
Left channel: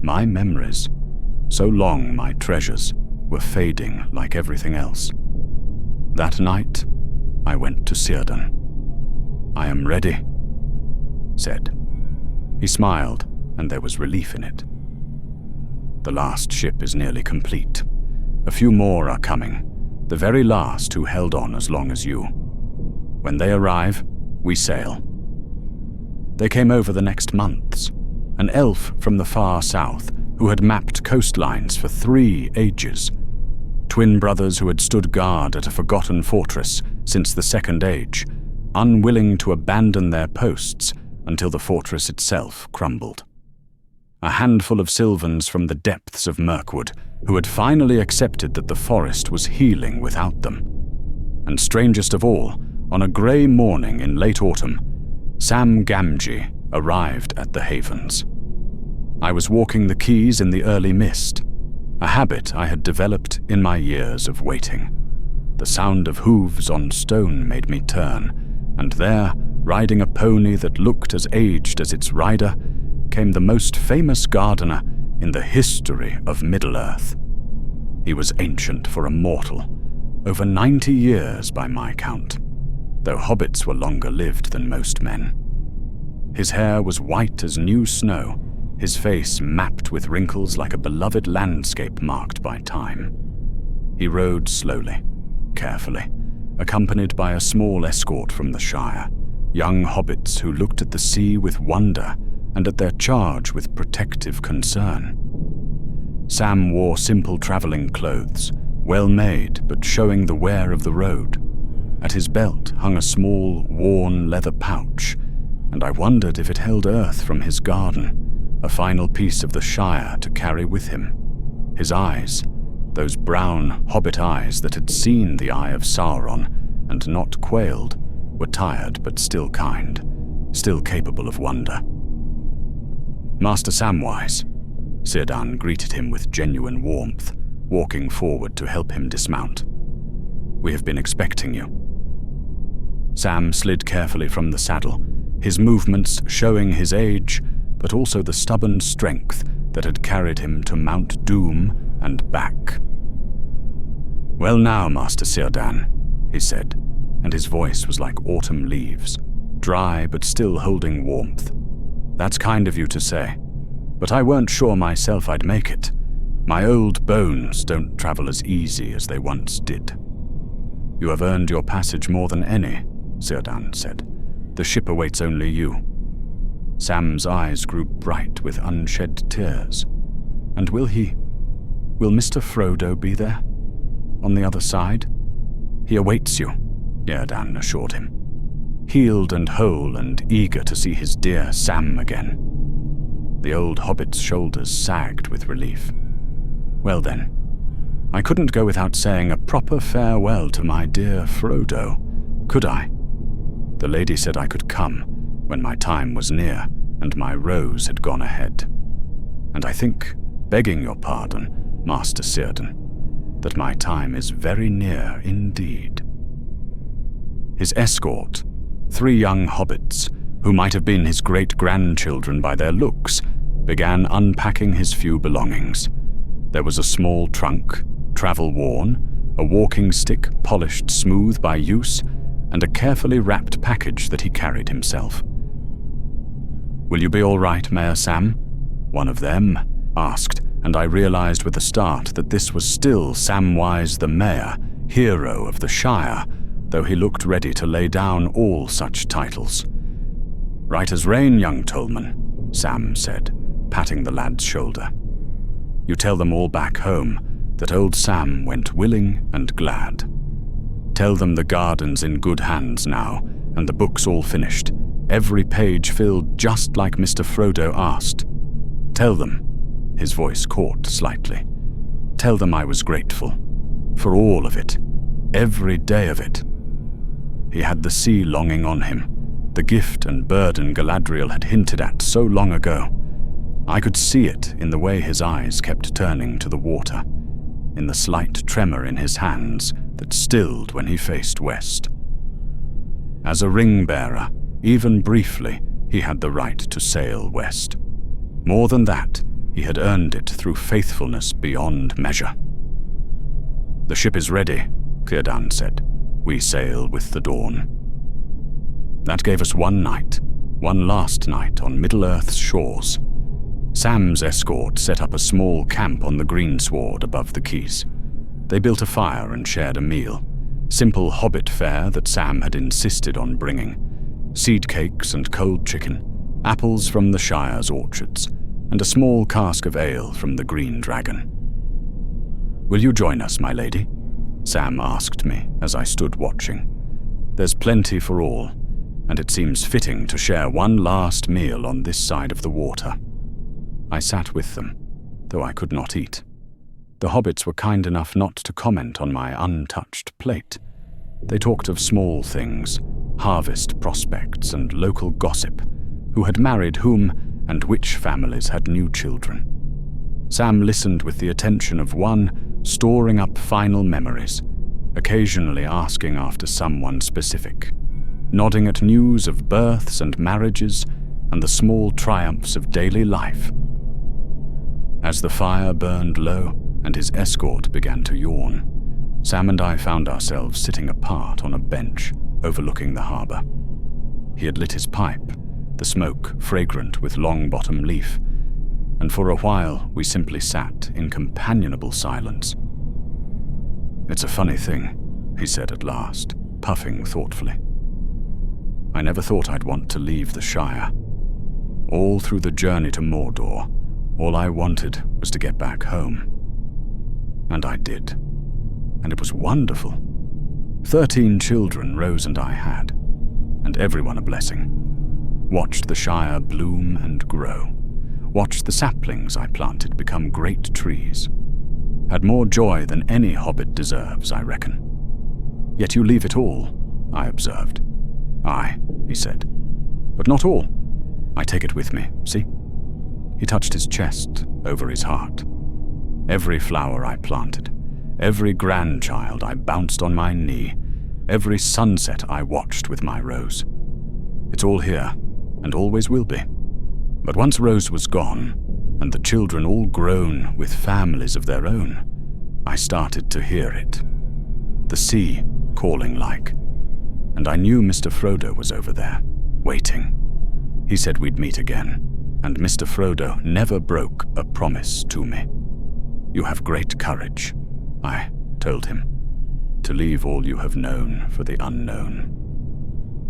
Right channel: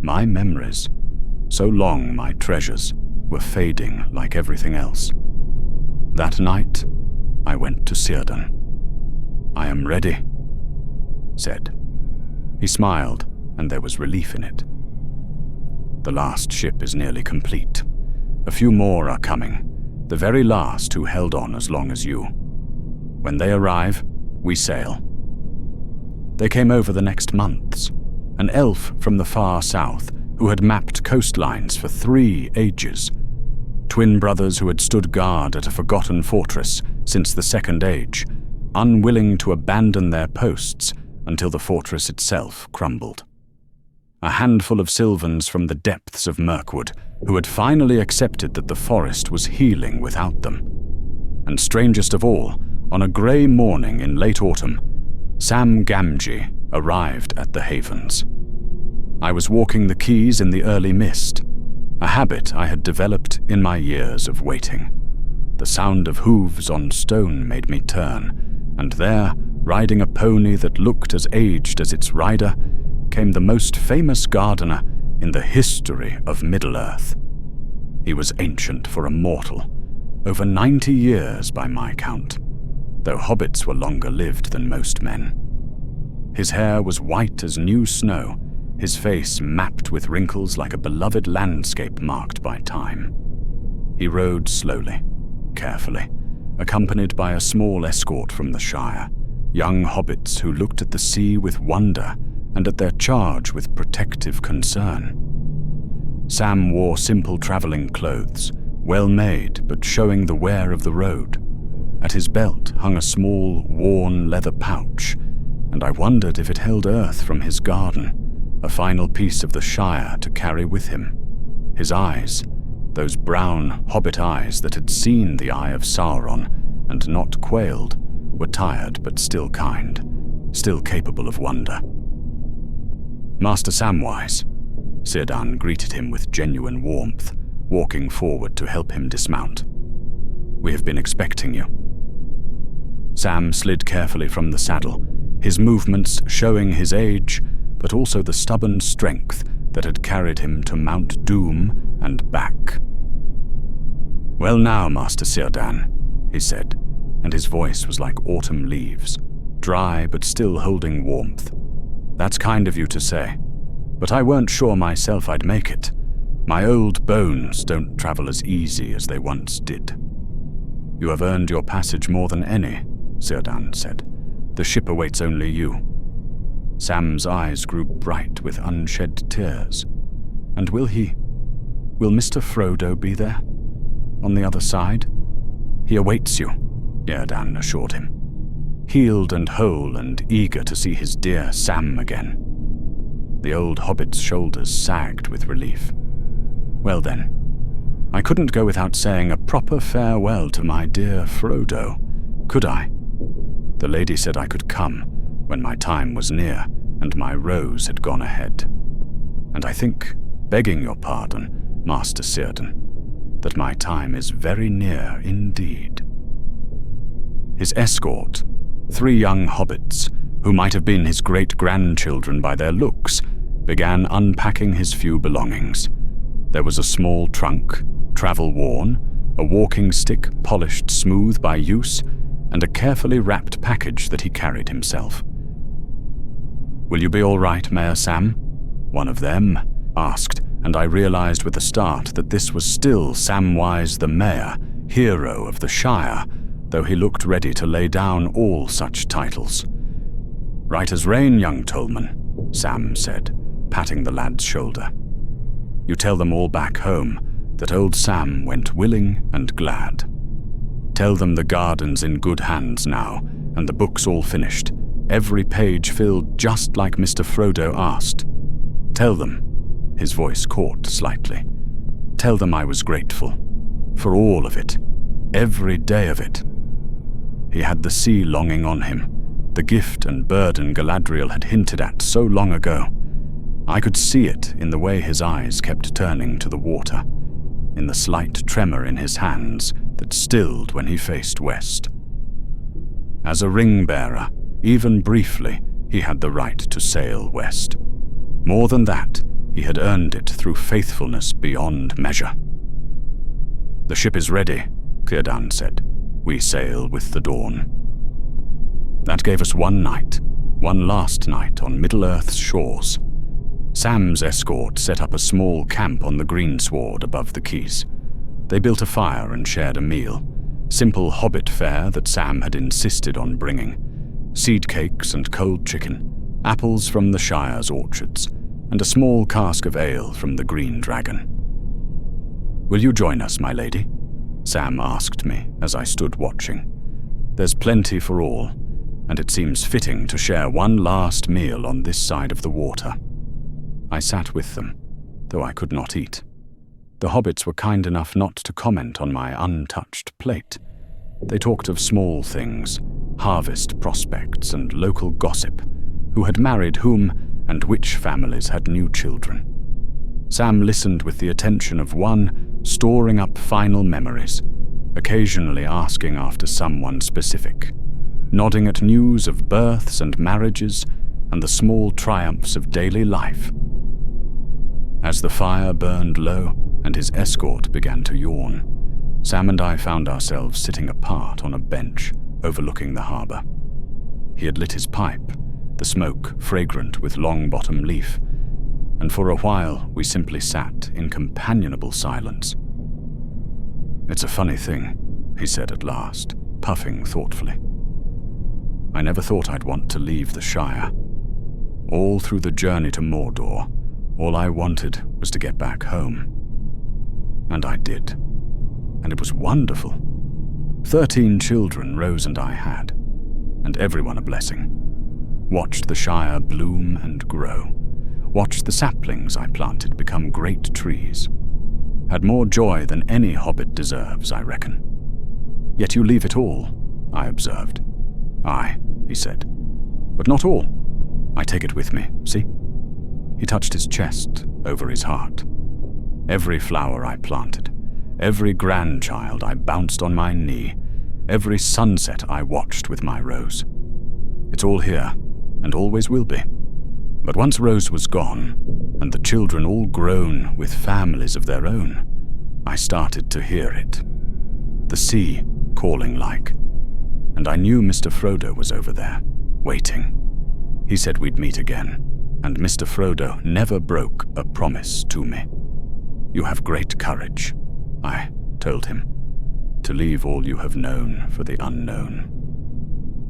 My memories, so long my treasures, were fading like everything else. That night, I went to Círdan. "I am ready," said. He smiled, and there was relief in it. The last ship is nearly complete. A few more are coming, the very last who held on as long as you. When they arrive, we sail. They came over the next months. An elf from the far south who had mapped coastlines for 3 ages. Twin brothers who had stood guard at a forgotten fortress since the Second Age, unwilling to abandon their posts until the fortress itself crumbled. A handful of Sylvans from the depths of Mirkwood who had finally accepted that the forest was healing without them. And strangest of all, on a grey morning in late autumn, Sam Gamgee arrived at the Havens. I was walking the quays in the early mist, a habit I had developed in my years of waiting. The sound of hooves on stone made me turn, and there, riding a pony that looked as aged as its rider, came the most famous gardener in the history of Middle-earth. He was ancient for a mortal, over 90 years by my count, though hobbits were longer lived than most men. His hair was white as new snow, his face mapped with wrinkles like a beloved landscape marked by time. He rode slowly, carefully, accompanied by a small escort from the Shire, young hobbits who looked at the sea with wonder and at their charge with protective concern. Sam wore simple traveling clothes, well made but showing the wear of the road. At his belt hung a small, worn leather pouch, and I wondered if it held earth from his garden, a final piece of the Shire to carry with him. His eyes, those brown hobbit eyes that had seen the eye of Sauron and not quailed, were tired but still kind, still capable of wonder. Master Samwise, Círdan greeted him with genuine warmth, walking forward to help him dismount. We have been expecting you. Sam slid carefully from the saddle, his movements showing his age, but also the stubborn strength that had carried him to Mount Doom and back. "Well now, Master Círdan," he said, and his voice was like autumn leaves, dry but still holding warmth. "That's kind of you to say, but I weren't sure myself I'd make it. My old bones don't travel as easy as they once did." "You have earned your passage more than any," Círdan said. "The ship awaits only you." Sam's eyes grew bright with unshed tears. "And will Mr. Frodo be there? On the other side?" "He awaits you," Círdan assured him. Healed and whole and eager to see his dear Sam again. The old hobbit's shoulders sagged with relief. "Well then, I couldn't go without saying a proper farewell to my dear Frodo, could I? The lady said I could come when my time was near and my rose had gone ahead. And I think, begging your pardon, Master Círdan, that my time is very near indeed." His escort, 3 young hobbits, who might have been his great-grandchildren by their looks, began unpacking his few belongings. There was a small trunk, travel-worn, a walking stick polished smooth by use, and a carefully wrapped package that he carried himself. "Will you be all right, Mayor Sam?" one of them asked, and I realized with a start that this was still Samwise the Mayor, hero of the Shire, though he looked ready to lay down all such titles. "Right as rain, young Tolman," Sam said, patting the lad's shoulder. "You tell them all back home that old Sam went willing and glad. Tell them the garden's in good hands now, and the book's all finished, every page filled just like Mr. Frodo asked. Tell them," his voice caught slightly, "tell them I was grateful. For all of it. Every day of it." He had the sea longing on him, the gift and burden Galadriel had hinted at so long ago. I could see it in the way his eyes kept turning to the water, in the slight tremor in his hands that stilled when he faced west. As a ring-bearer, even briefly, he had the right to sail west. More than that, he had earned it through faithfulness beyond measure. "The ship is ready," Círdan said. "We sail with the dawn." That gave us one night, one last night on Middle-earth's shores. Sam's escort set up a small camp on the greensward above the quays. They built a fire and shared a meal. Simple hobbit fare that Sam had insisted on bringing. Seed cakes and cold chicken, apples from the Shire's orchards, and a small cask of ale from the Green Dragon. "Will you join us, my lady?" Sam asked me as I stood watching. "There's plenty for all, and it seems fitting to share one last meal on this side of the water." I sat with them, though I could not eat. The hobbits were kind enough not to comment on my untouched plate. They talked of small things, harvest prospects and local gossip, who had married whom and which families had new children. Sam listened with the attention of one storing up final memories, occasionally asking after someone specific, nodding at news of births and marriages and the small triumphs of daily life. As the fire burned low and his escort began to yawn, Sam and I found ourselves sitting apart on a bench overlooking the harbour. He had lit his pipe, the smoke fragrant with long-bottom leaf, and for a while we simply sat in companionable silence. "It's a funny thing," he said at last, puffing thoughtfully. "I never thought I'd want to leave the Shire. All through the journey to Mordor, all I wanted was to get back home. And I did. And it was wonderful. 13 children Rose and I had, and everyone a blessing. Watched the Shire bloom and grow. Watched the saplings I planted become great trees. Had more joy than any hobbit deserves, I reckon. Yet you leave it all, I observed. Aye, he said. But not all. I take it with me, see? He touched his chest over his heart. Every flower I planted, every grandchild I bounced on my knee, every sunset I watched with my Rose. It's all here, and always will be. But once Rose was gone, and the children all grown with families of their own, I started to hear it. The sea calling like. And I knew Mr. Frodo was over there, waiting. He said we'd meet again, and Mr. Frodo never broke a promise to me. You have great courage, I told him, to leave all you have known for the unknown.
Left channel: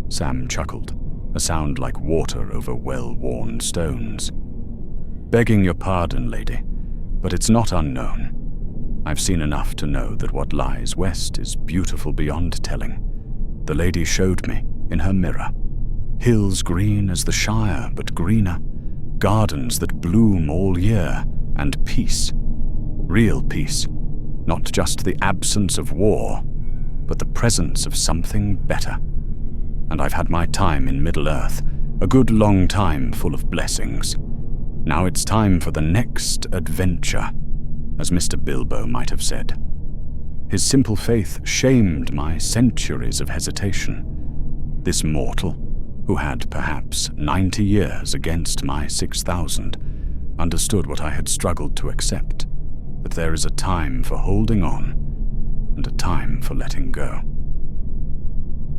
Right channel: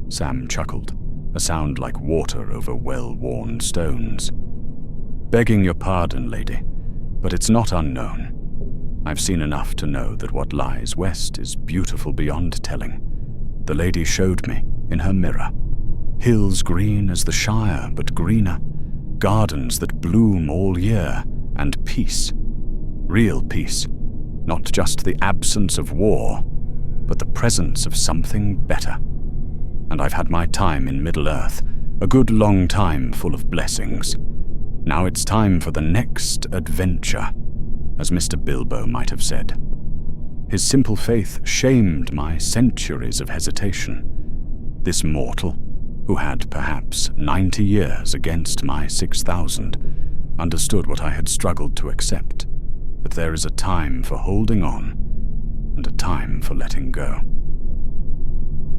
Sam chuckled, a sound like water over well-worn stones. Begging your pardon, lady, but it's not unknown. I've seen enough to know that what lies west is beautiful beyond telling. The lady showed me in her mirror. Hills green as the Shire, but greener. Gardens that bloom all year, and peace. Real peace. Not just the absence of war, but the presence of something better. And I've had my time in Middle-earth, a good long time full of blessings. Now it's time for the next adventure, as Mr. Bilbo might have said. His simple faith shamed my centuries of hesitation. This mortal, who had perhaps 90 years against my 6,000, understood what I had struggled to accept, that there is a time for holding on and a time for letting go.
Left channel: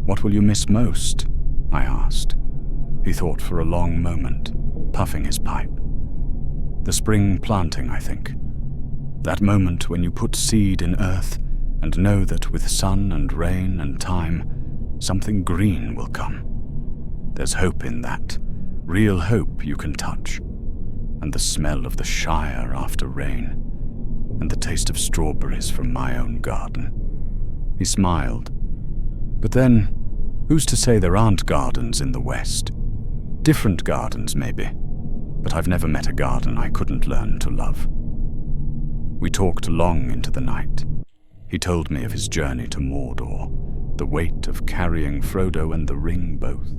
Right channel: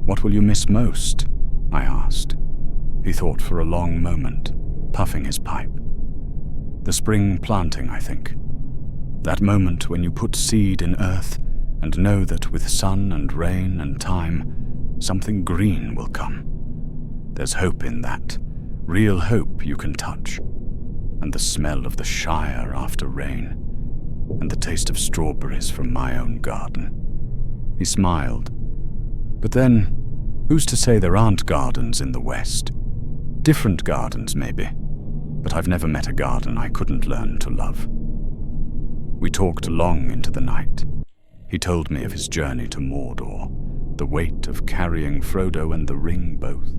What will you miss most? I asked. He thought for a long moment, puffing his pipe. The spring planting, I think. That moment when you put seed in earth and know that with sun and rain and time, something green will come. There's hope in that, real hope you can touch, and the smell of the Shire after rain, and the taste of strawberries from my own garden. He smiled. But then, who's to say there aren't gardens in the West? Different gardens, maybe, but I've never met a garden I couldn't learn to love. We talked long into the night. He told me of his journey to Mordor, the weight of carrying Frodo and the ring both.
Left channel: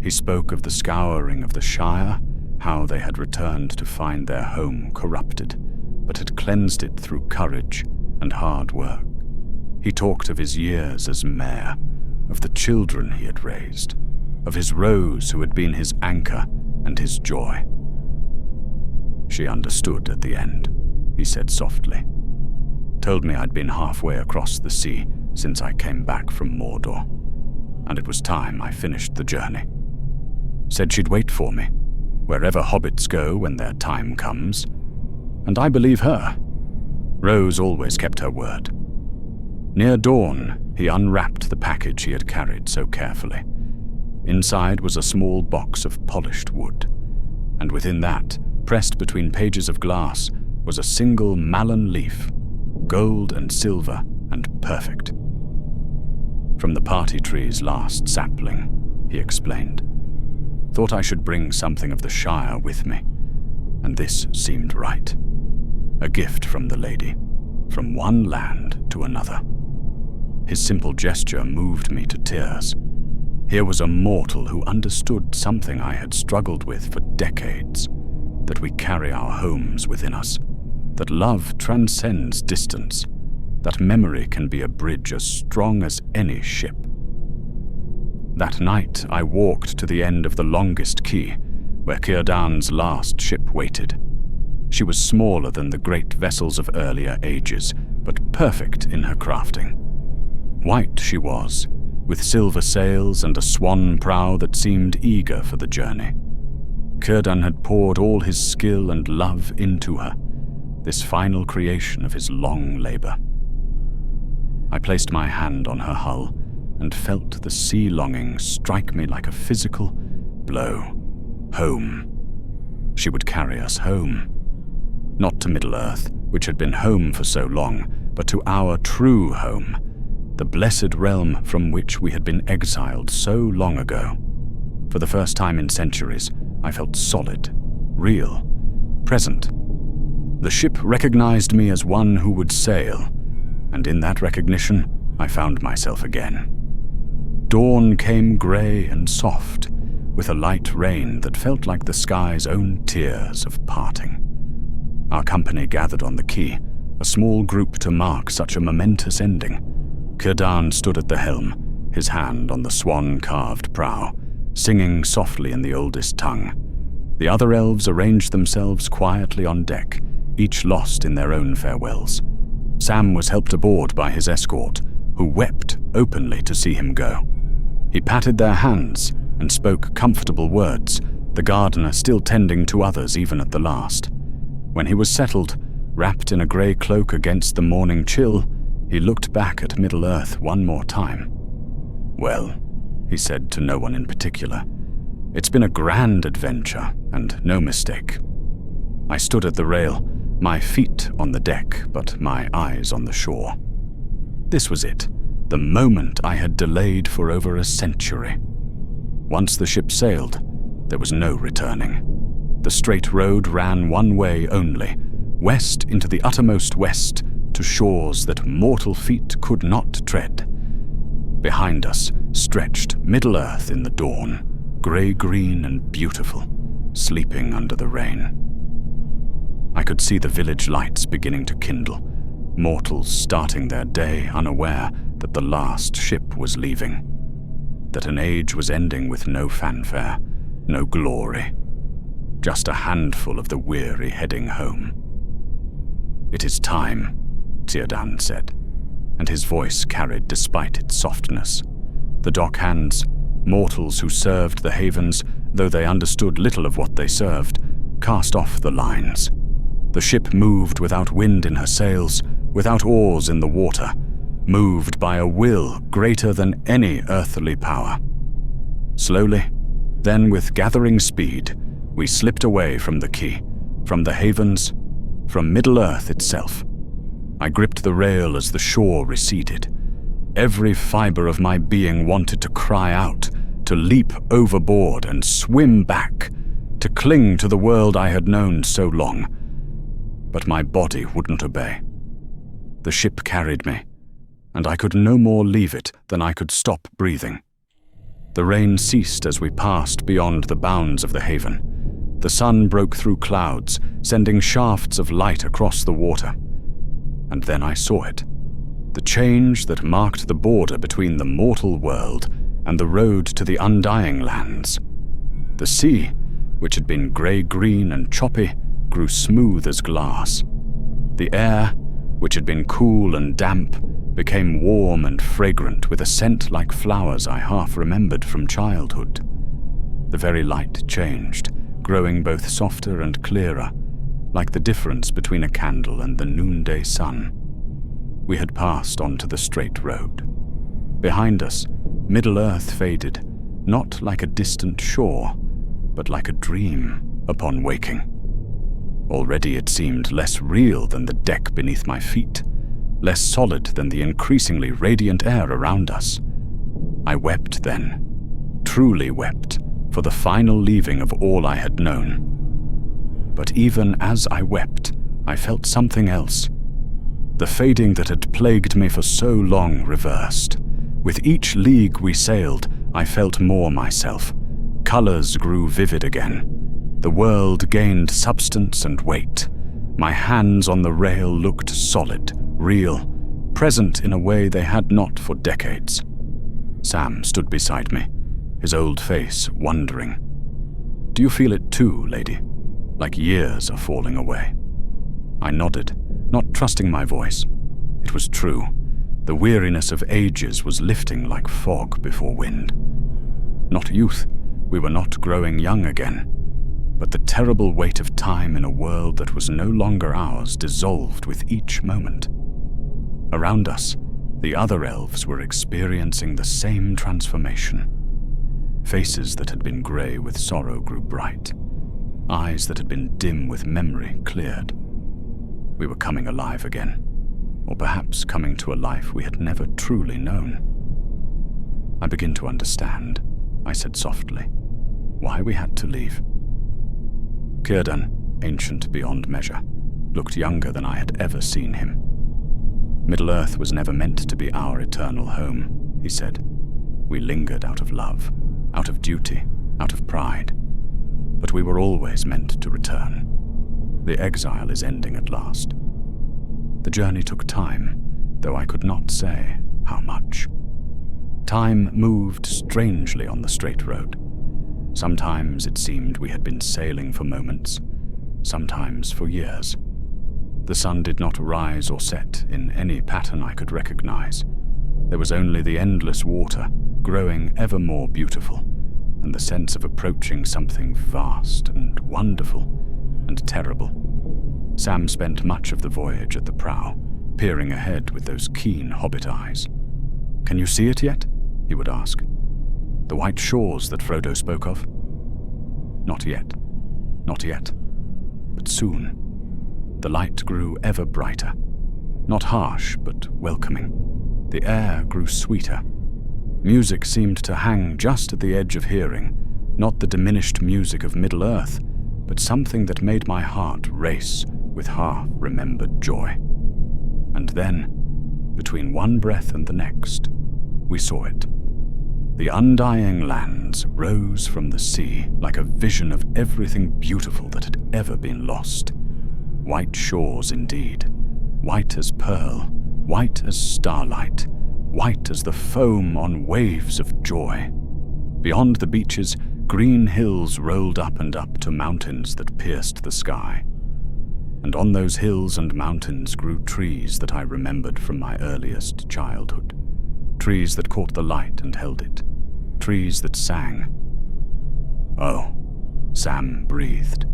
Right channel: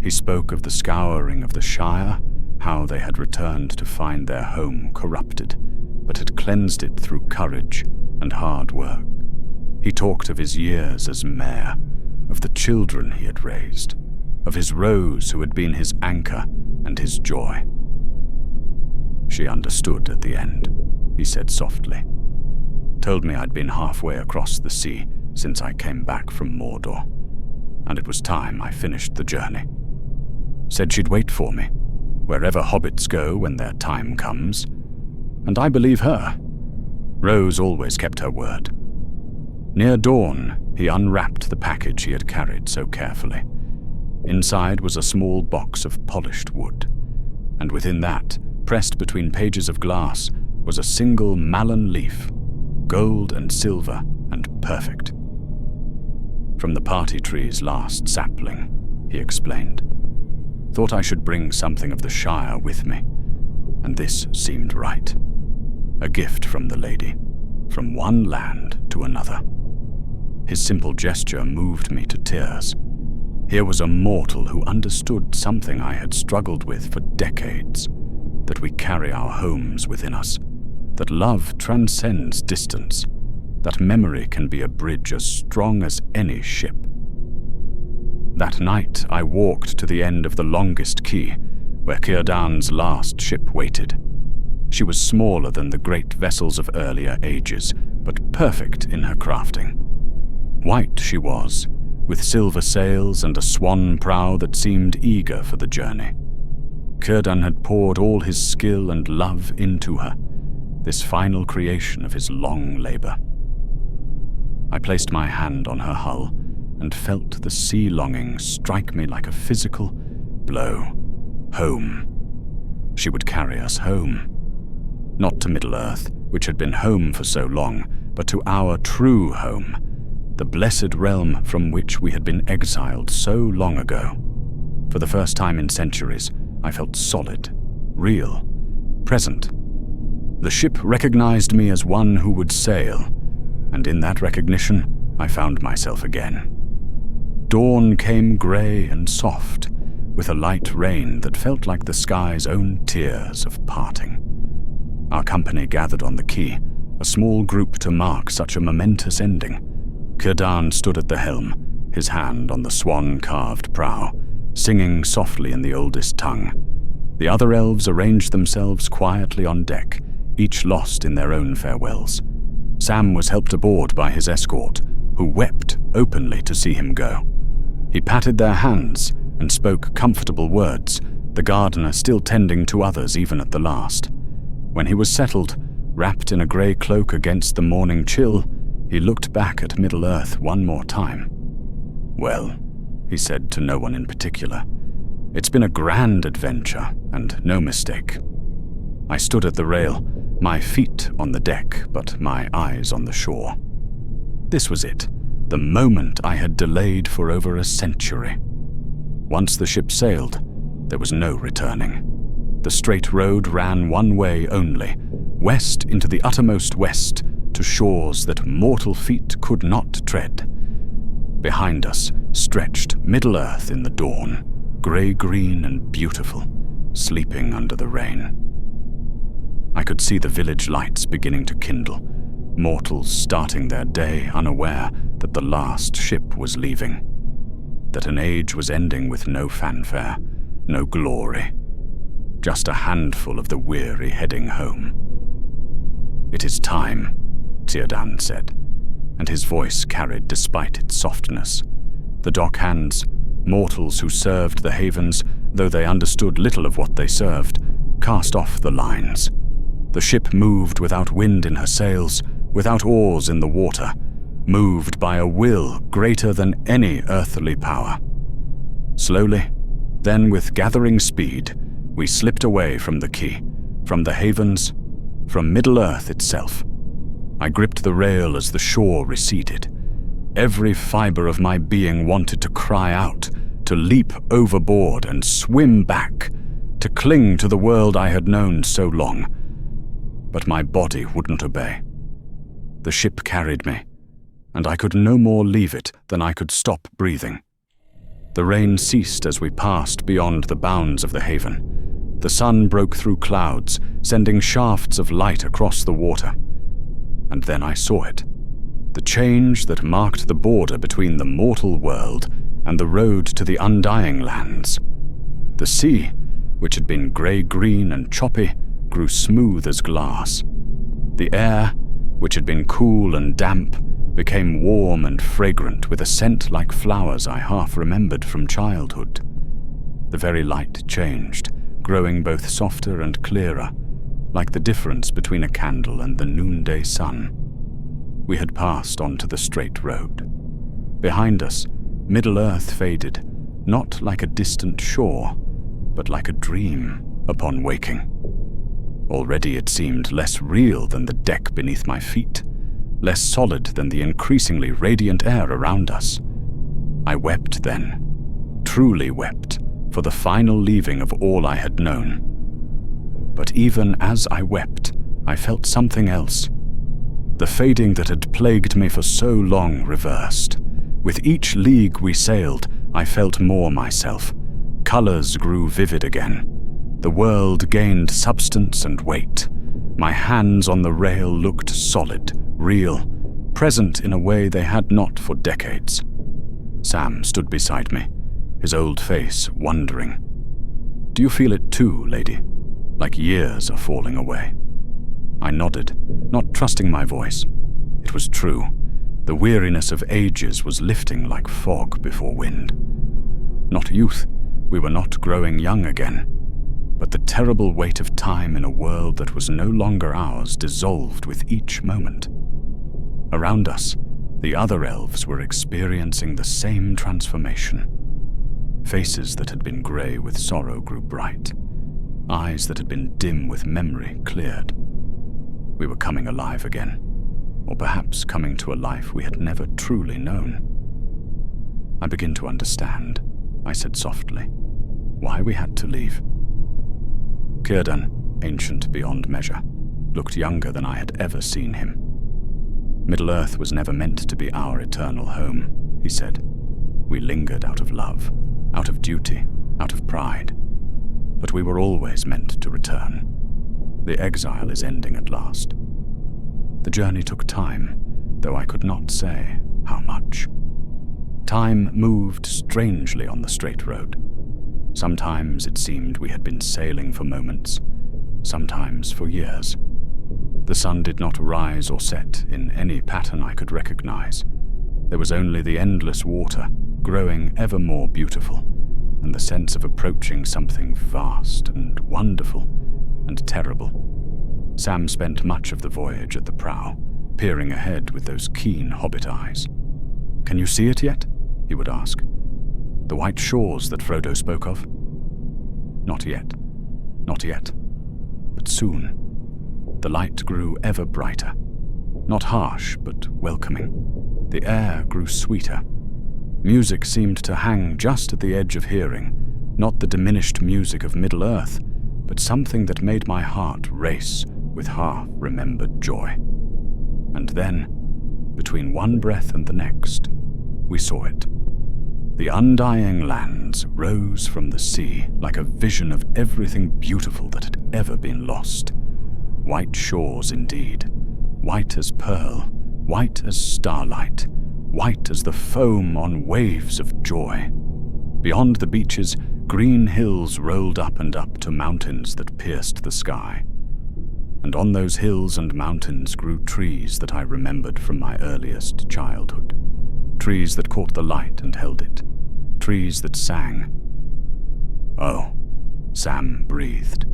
He spoke of the scouring of the Shire, how they had returned to find their home corrupted, but had cleansed it through courage and hard work. He talked of his years as mayor, of the children he had raised, of his Rose who had been his anchor and his joy. She understood at the end, he said softly. Told me I'd been halfway across the sea since I came back from Mordor, and it was time I finished the journey. Said she'd wait for me, wherever hobbits go when their time comes. And I believe her. Rose always kept her word. Near dawn, he unwrapped the package he had carried so carefully. Inside was a small box of polished wood, and within that, pressed between pages of glass, was a single mallan leaf, gold and silver and perfect. From the party tree's last sapling, he explained. Thought I should bring something of the Shire with me, and this seemed right. A gift from the lady, from one land to another. His simple gesture moved me to tears. Here was a mortal who understood something I had struggled with for decades, that we carry our homes within us, that love transcends distance, that memory can be a bridge as strong as any ship. That night I walked to the end of the longest quay, where Círdan's last ship waited. She was smaller than the great vessels of earlier ages, but perfect in her crafting. White she was, with silver sails and a swan prow that seemed eager for the journey. Círdan had poured all his skill and love into her, this final creation of his long labor. I placed my hand on her hull and felt the sea longing strike me like a physical blow. Home. She would carry us home. Not to Middle-earth, which had been home for so long, but to our true home, the blessed realm from which we had been exiled so long ago. For the first time in centuries, I felt solid, real, present. The ship recognized me as one who would sail, and in that recognition, I found myself again. Dawn came grey and soft, with a light rain that felt like the sky's own tears of parting. Our company gathered on the quay, a small group to mark such a momentous ending. Círdan stood at the helm, his hand on the swan-carved prow, singing softly in the oldest tongue. The other elves arranged themselves quietly on deck, each lost in their own farewells. Sam was helped aboard by his escort, who wept openly to see him go. He patted their hands and spoke comfortable words, the gardener still tending to others even at the last. When he was settled, wrapped in a grey cloak against the morning chill, he looked back at Middle-earth one more time. Well, he said to no one in particular, it's been a grand adventure, and no mistake. I stood at the rail, my feet on the deck, but my eyes on the shore. This was it, the moment I had delayed for over a century. Once the ship sailed, there was no returning. The straight road ran one way only, west into the uttermost west, to shores that mortal feet could not tread. Behind us stretched Middle-earth in the dawn, grey-green and beautiful, sleeping under the rain. I could see the village lights beginning to kindle, mortals starting their day unaware that the last ship was leaving, that an age was ending with no fanfare, no glory, just a handful of the weary heading home. It is time, Círdan said, and his voice carried despite its softness. The dockhands, mortals who served the havens, though they understood little of what they served, cast off the lines. The ship moved without wind in her sails, without oars in the water, moved by a will greater than any earthly power. Slowly, then with gathering speed, we slipped away from the quay, from the havens, from Middle-earth itself. I gripped the rail as the shore receded. Every fiber of my being wanted to cry out, to leap overboard and swim back, to cling to the world I had known so long. But my body wouldn't obey. The ship carried me, and I could no more leave it than I could stop breathing. The rain ceased as we passed beyond the bounds of the haven. The sun broke through clouds, sending shafts of light across the water. And then I saw it, the change that marked the border between the mortal world and the road to the undying lands. The sea, which had been grey-green and choppy, grew smooth as glass. The air, which had been cool and damp, became warm and fragrant with a scent like flowers I half remembered from childhood. The very light changed, growing both softer and clearer, like the difference between a candle and the noonday sun. We had passed onto the straight road. Behind us, Middle-earth faded, not like a distant shore, but like a dream upon waking. Already it seemed less real than the deck beneath my feet, less solid than the increasingly radiant air around us. I wept then, truly wept, for the final leaving of all I had known. But even as I wept, I felt something else. The fading that had plagued me for so long reversed. With each league we sailed, I felt more myself. Colors grew vivid again. The world gained substance and weight. My hands on the rail looked solid, real, present in a way they had not for decades. Sam stood beside me, his old face wondering. "Do you feel it too, lady? Like years are falling away?" I nodded, not trusting my voice. It was true. The weariness of ages was lifting like fog before wind. Not youth, we were not growing young again, but the terrible weight of time in a world that was no longer ours dissolved with each moment. Around us, the other elves were experiencing the same transformation. Faces that had been grey with sorrow grew bright. Eyes that had been dim with memory cleared. We were coming alive again, or perhaps coming to a life we had never truly known. "I begin to understand," I said softly, "why we had to leave." Círdan, ancient beyond measure, looked younger than I had ever seen him. "Middle-earth was never meant to be our eternal home," he said. "We lingered out of love, out of duty, out of pride. But we were always meant to return. The exile is ending at last." The journey took time, though I could not say how much. Time moved strangely on the straight road. Sometimes it seemed we had been sailing for moments, sometimes for years. The sun did not rise or set in any pattern I could recognize. There was only the endless water, growing ever more beautiful, and the sense of approaching something vast and wonderful and terrible. Sam spent much of the voyage at the prow, peering ahead with those keen hobbit eyes. "Can you see it yet?" he would ask. "The white shores that Frodo spoke of?" "Not yet, not yet, but soon." The light grew ever brighter, not harsh, but welcoming. The air grew sweeter. Music seemed to hang just at the edge of hearing, not the diminished music of Middle-earth, but something that made my heart race with half-remembered joy. And then, between one breath and the next, we saw it. The undying lands rose from the sea like a vision of everything beautiful that had ever been lost. White shores indeed, white as pearl, white as starlight, white as the foam on waves of joy. Beyond the beaches, green hills rolled up and up to mountains that pierced the sky. And on those hills and mountains grew trees that I remembered from my earliest childhood. Trees that caught the light and held it. Trees that sang. "Oh," Sam breathed,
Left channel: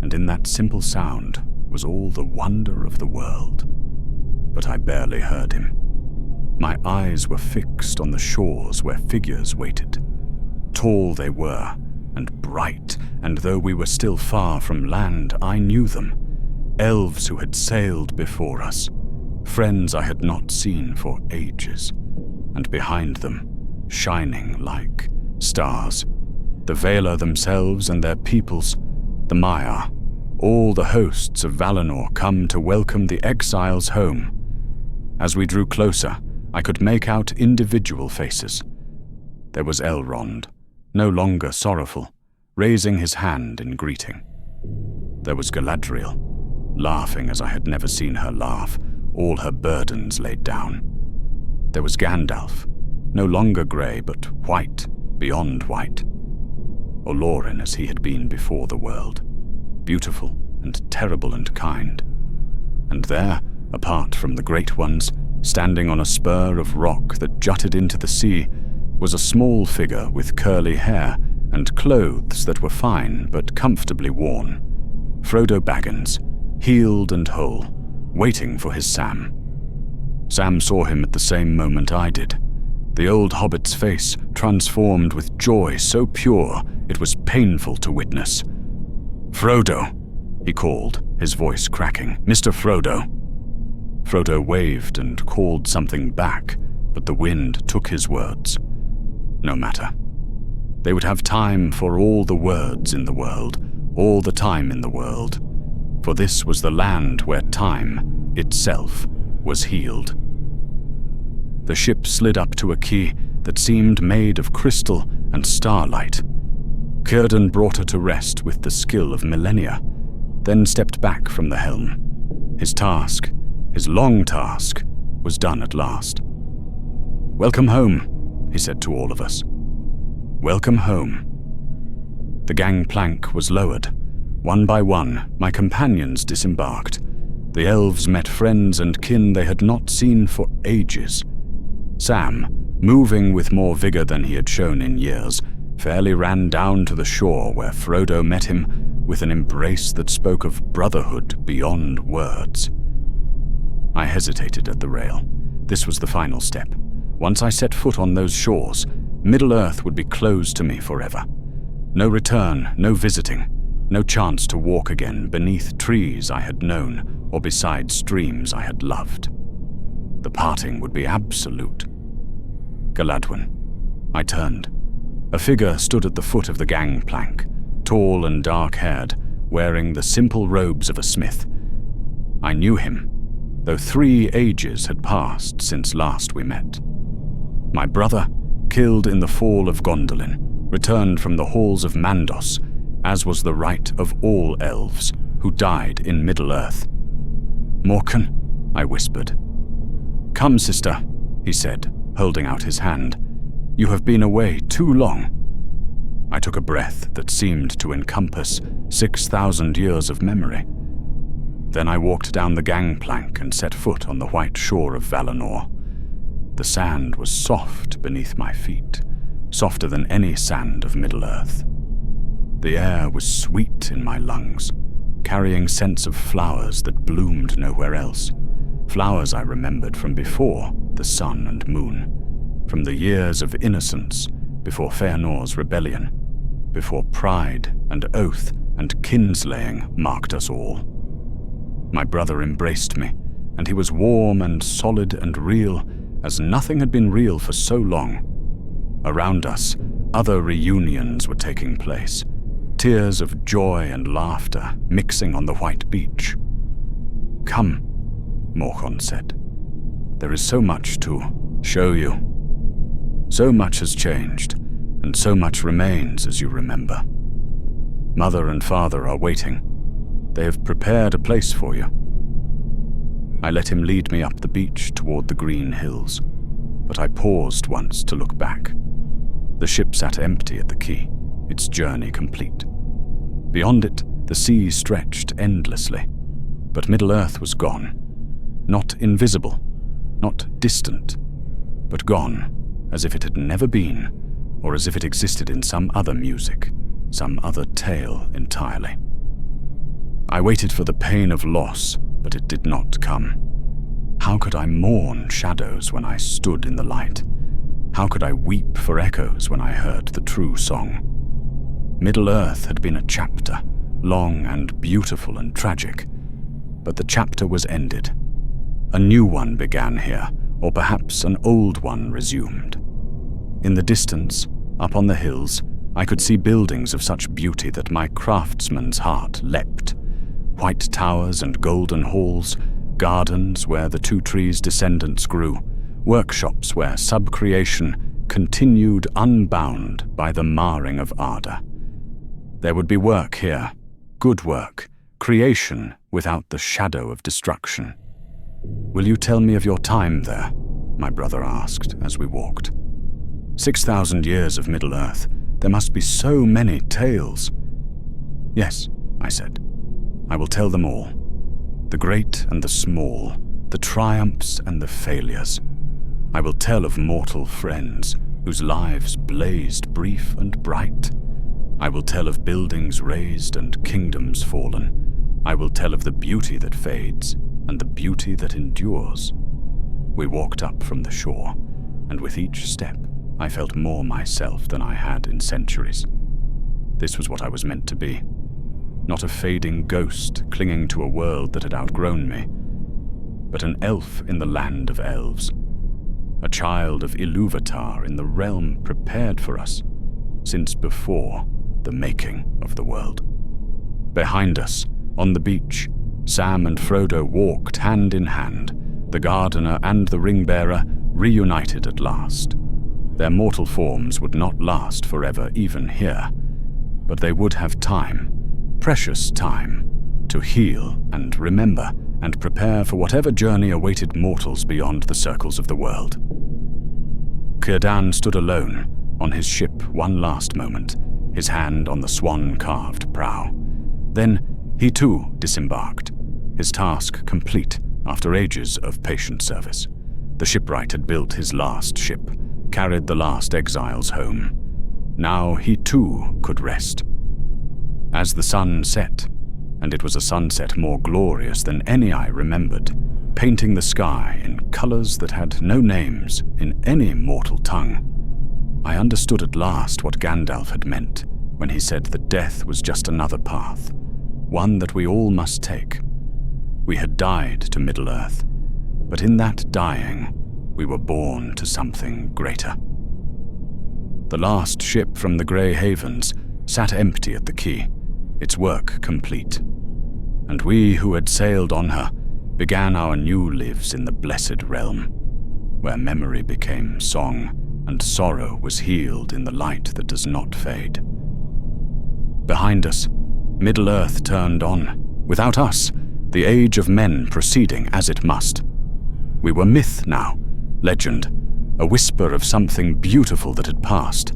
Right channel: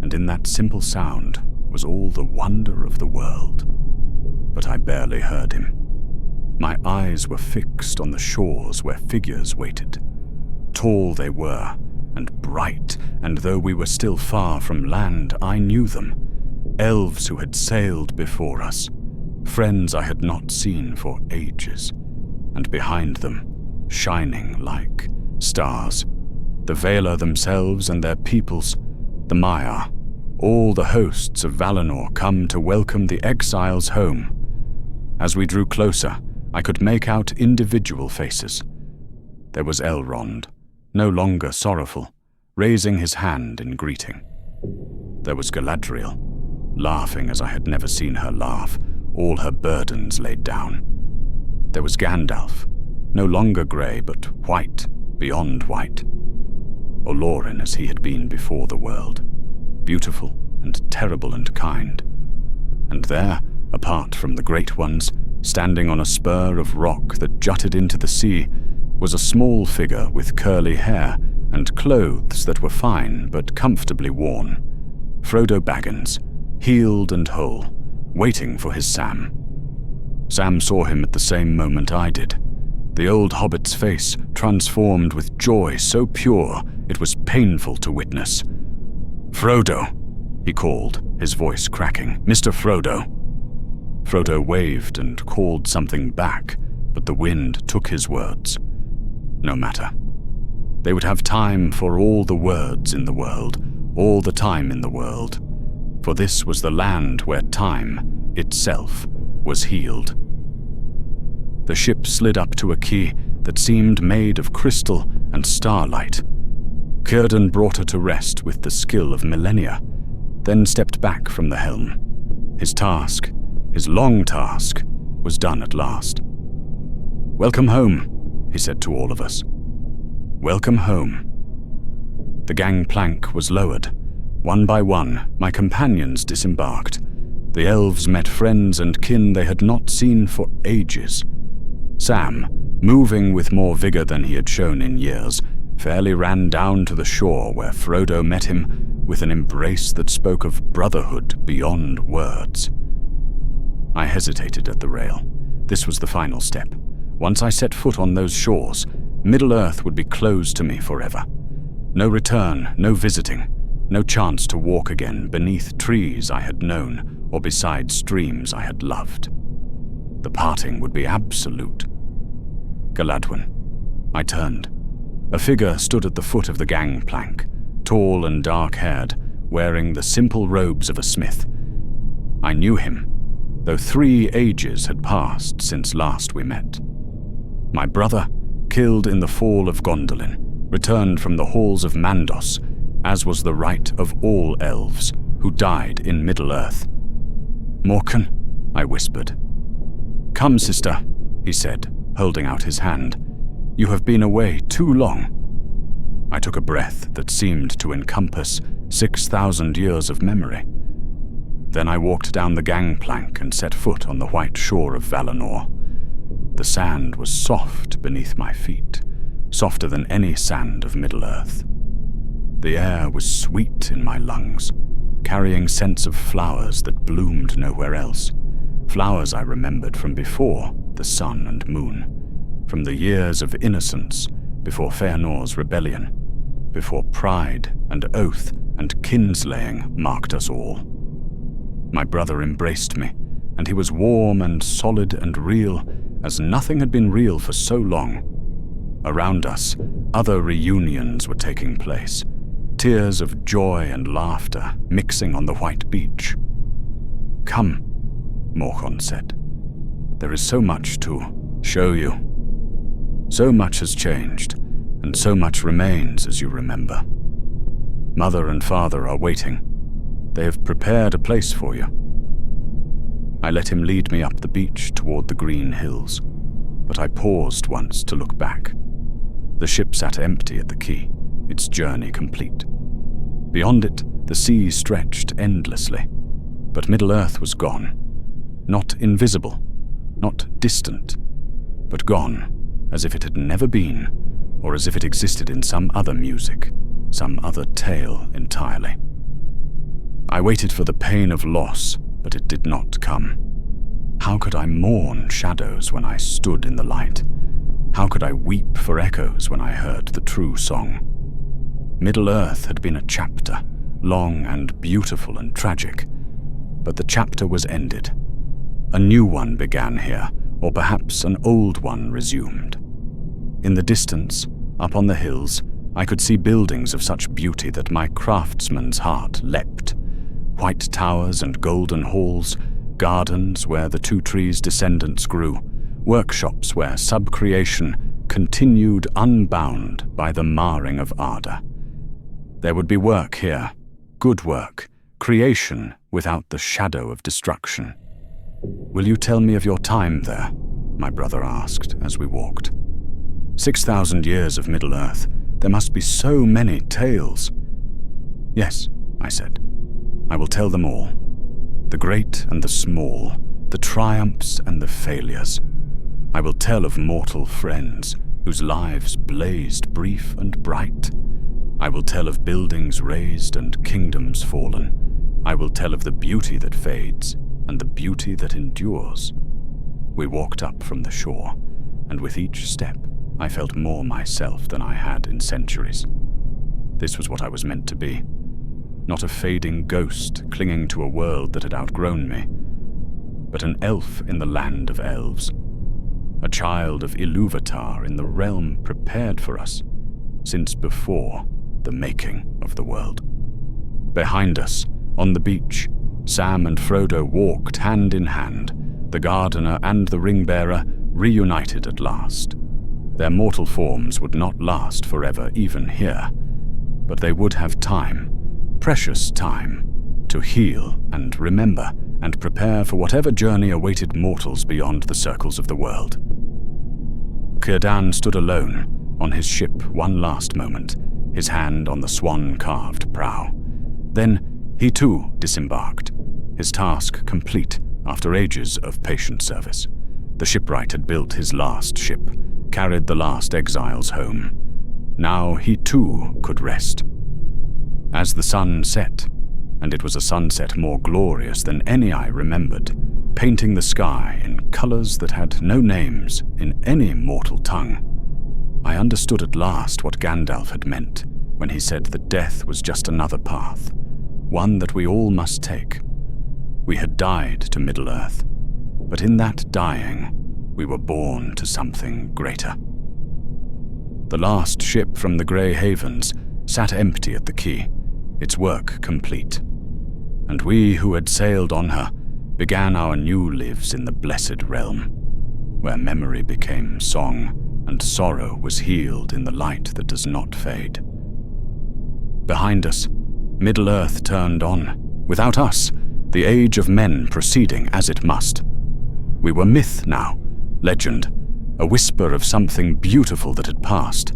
and in that simple sound was all the wonder of the world. But I barely heard him. My eyes were fixed on the shores where figures waited. Tall they were, and bright, and though we were still far from land, I knew them. Elves who had sailed before us, friends I had not seen for ages, and behind them, shining like stars, the Valar themselves and their peoples, the Maiar, all the hosts of Valinor come to welcome the exiles home. As we drew closer, I could make out individual faces. There was Elrond, no longer sorrowful, raising his hand in greeting. There was Galadriel, laughing as I had never seen her laugh, all her burdens laid down. There was Gandalf, no longer grey but white, beyond white. Lothlórien as he had been before the world, beautiful and terrible and kind. And there, apart from the great ones, standing on a spur of rock that jutted into the sea, was a small figure with curly hair and clothes that were fine but comfortably worn. Frodo Baggins, healed and whole, waiting for his Sam. Sam saw him at the same moment I did. The old hobbit's face transformed with joy so pure it was painful to witness. "Frodo," he called, his voice cracking. "Mr. Frodo." Frodo waved and called something back, but the wind took his words. No matter. They would have time for all the words in the world, all the time in the world, for this was the land where time itself was healed. The ship slid up to a quay that seemed made of crystal and starlight. Círdan brought her to rest with the skill of millennia, then stepped back from the helm. His task, his long task, was done at last. "Welcome home," he said to all of us. "Welcome home." The gangplank was lowered. One by one, my companions disembarked. The elves met friends and kin they had not seen for ages. Sam, moving with more vigor than he had shown in years, fairly ran down to the shore where Frodo met him with an embrace that spoke of brotherhood beyond words. I hesitated at the rail. This was the final step. Once I set foot on those shores, Middle-earth would be closed to me forever. No return, no visiting, no chance to walk again beneath trees I had known or beside streams I had loved. The parting would be absolute. Galadwen. I turned. A figure stood at the foot of the gangplank, tall and dark-haired, wearing the simple robes of a smith. I knew him, though 3 ages had passed since last we met. My brother, killed in the fall of Gondolin, returned from the halls of Mandos, as was the right of all elves who died in Middle-earth. "Morkan," I whispered. "Come, sister," he said, holding out his hand. "You have been away too long." I took a breath that seemed to encompass 6,000 years of memory. Then I walked down the gangplank and set foot on the white shore of Valinor. The sand was soft beneath my feet, softer than any sand of Middle-earth. The air was sweet in my lungs, carrying scents of flowers that bloomed nowhere else. Flowers I remembered from before the sun and moon, from the years of innocence, before Feanor's rebellion, before pride and oath and kinslaying marked us all. My brother embraced me, and he was warm and solid and real as nothing had been real for so long. Around us, other reunions were taking place, tears of joy and laughter mixing on the white beach. "Come," Morkan said. "There is so much to show you. So much has changed, and so much remains as you remember. Mother and father are waiting. They have prepared a place for you." I let him lead me up the beach toward the green hills, but I paused once to look back. The ship sat empty at the quay, its journey complete. Beyond it, the sea stretched endlessly, but Middle-earth was gone. Not invisible, not distant, but gone, as if it had never been, or as if it existed in some other music, some other tale entirely. I waited for the pain of loss, but it did not come. How could I mourn shadows when I stood in the light? How could I weep for echoes when I heard the true song? Middle-earth had been a chapter, long and beautiful and tragic, but the chapter was ended. A new one began here, or perhaps an old one resumed. In the distance, up on the hills, I could see buildings of such beauty that my craftsman's heart leapt. White towers and golden halls, gardens where the two trees' descendants grew, workshops where sub-creation continued unbound by the marring of ardor. There would be work here, good work, creation without the shadow of destruction. "Will you tell me of your time there?" my brother asked as we walked. 6,000 years of Middle-earth. There must be so many tales. "Yes," I said. "I will tell them all. The great and the small, the triumphs and the failures. I will tell of mortal friends whose lives blazed brief and bright, I will tell of buildings razed and kingdoms fallen. I will tell of the beauty that fades and the beauty that endures. We walked up from the shore, and with each step, I felt more myself than I had in centuries. This was what I was meant to be. Not a fading ghost clinging to a world that had outgrown me, but an elf in the land of elves. A child of Ilúvatar in the realm prepared for us since before the making of the world. Behind us, on the beach, Sam and Frodo walked hand in hand, the gardener and the ring-bearer reunited at last. Their mortal forms would not last forever even here, but they would have time, precious time, to heal and remember and prepare for whatever journey awaited mortals beyond the circles of the world. Círdan stood alone on his ship one last moment, his hand on the swan-carved prow. Then he too disembarked, his task complete after ages of patient service. The shipwright had built his last ship, carried the last exiles home. Now he too could rest. As the sun set, and it was a sunset more glorious than any I remembered, painting the sky in colors that had no names in any mortal tongue, I understood at last what Gandalf had meant when he said that death was just another path, one that we all must take. We had died to Middle-earth, but in that dying, we were born to something greater. The last ship from the Grey Havens sat empty at the quay, its work complete, and we who had sailed on her began our new lives in the blessed realm, where memory became song and sorrow was healed in the light that does not fade. Behind us, Middle-earth turned on, without us, the age of men proceeding as it must. We were myth now, legend, a whisper of something beautiful that had passed,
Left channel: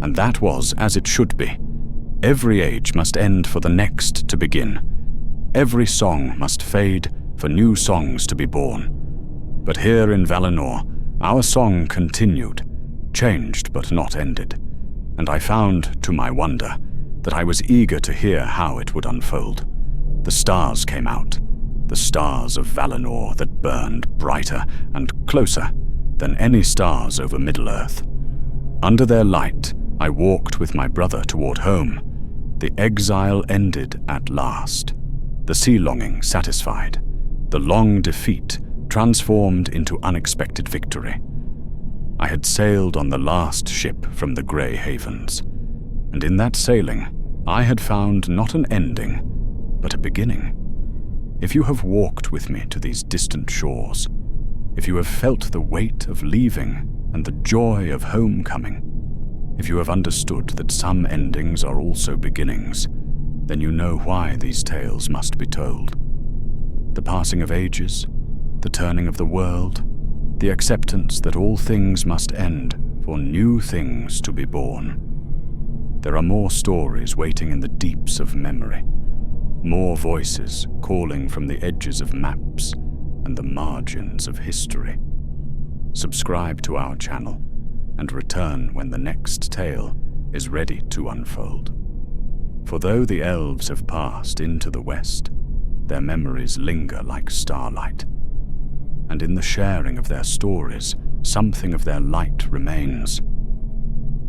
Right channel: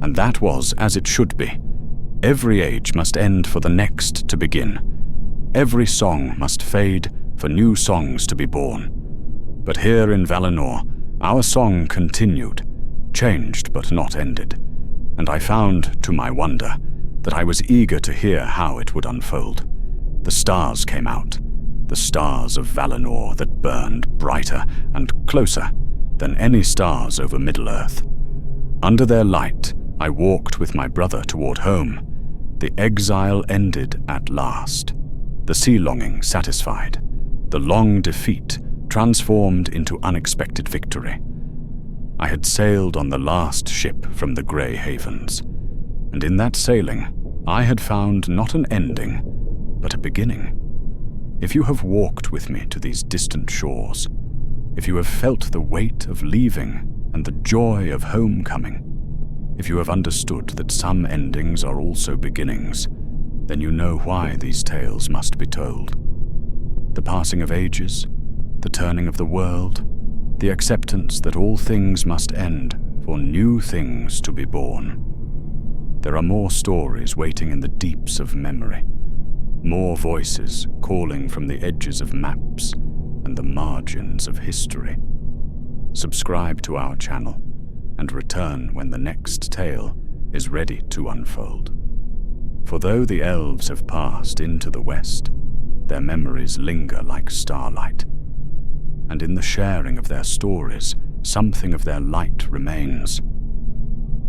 and that was as it should be. Every age must end for the next to begin. Every song must fade for new songs to be born. But here in Valinor, our song continued, changed but not ended, and I found, to my wonder, that I was eager to hear how it would unfold. The stars came out, the stars of Valinor that burned brighter and closer than any stars over Middle-earth. Under their light, I walked with my brother toward home. The exile ended at last, the sea-longing satisfied, the long defeat transformed into unexpected victory. I had sailed on the last ship from the Grey Havens, and in that sailing, I had found not an ending, but a beginning. If you have walked with me to these distant shores, if you have felt the weight of leaving and the joy of homecoming, if you have understood that some endings are also beginnings, then you know why these tales must be told. The passing of ages, the turning of the world, the acceptance that all things must end for new things to be born. There are more stories waiting in the deeps of memory, more voices calling from the edges of maps and the margins of history. Subscribe to our channel and return when the next tale is ready to unfold. For though the elves have passed into the west, their memories linger like starlight, and in the sharing of their stories, something of their light remains.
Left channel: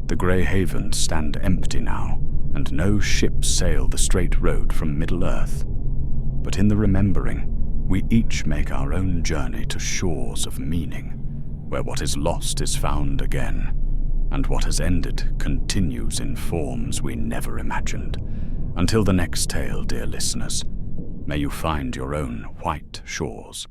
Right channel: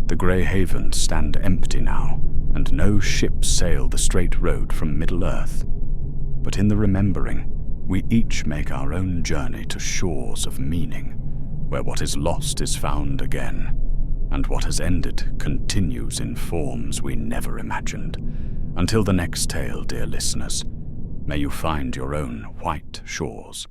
The Grey Havens stand empty now, and no ships sail the straight road from Middle-earth. But in the remembering, we each make our own journey to shores of meaning, where what is lost is found again, and what has ended continues in forms we never imagined. Until the next tale, dear listeners, may you find your own white shores.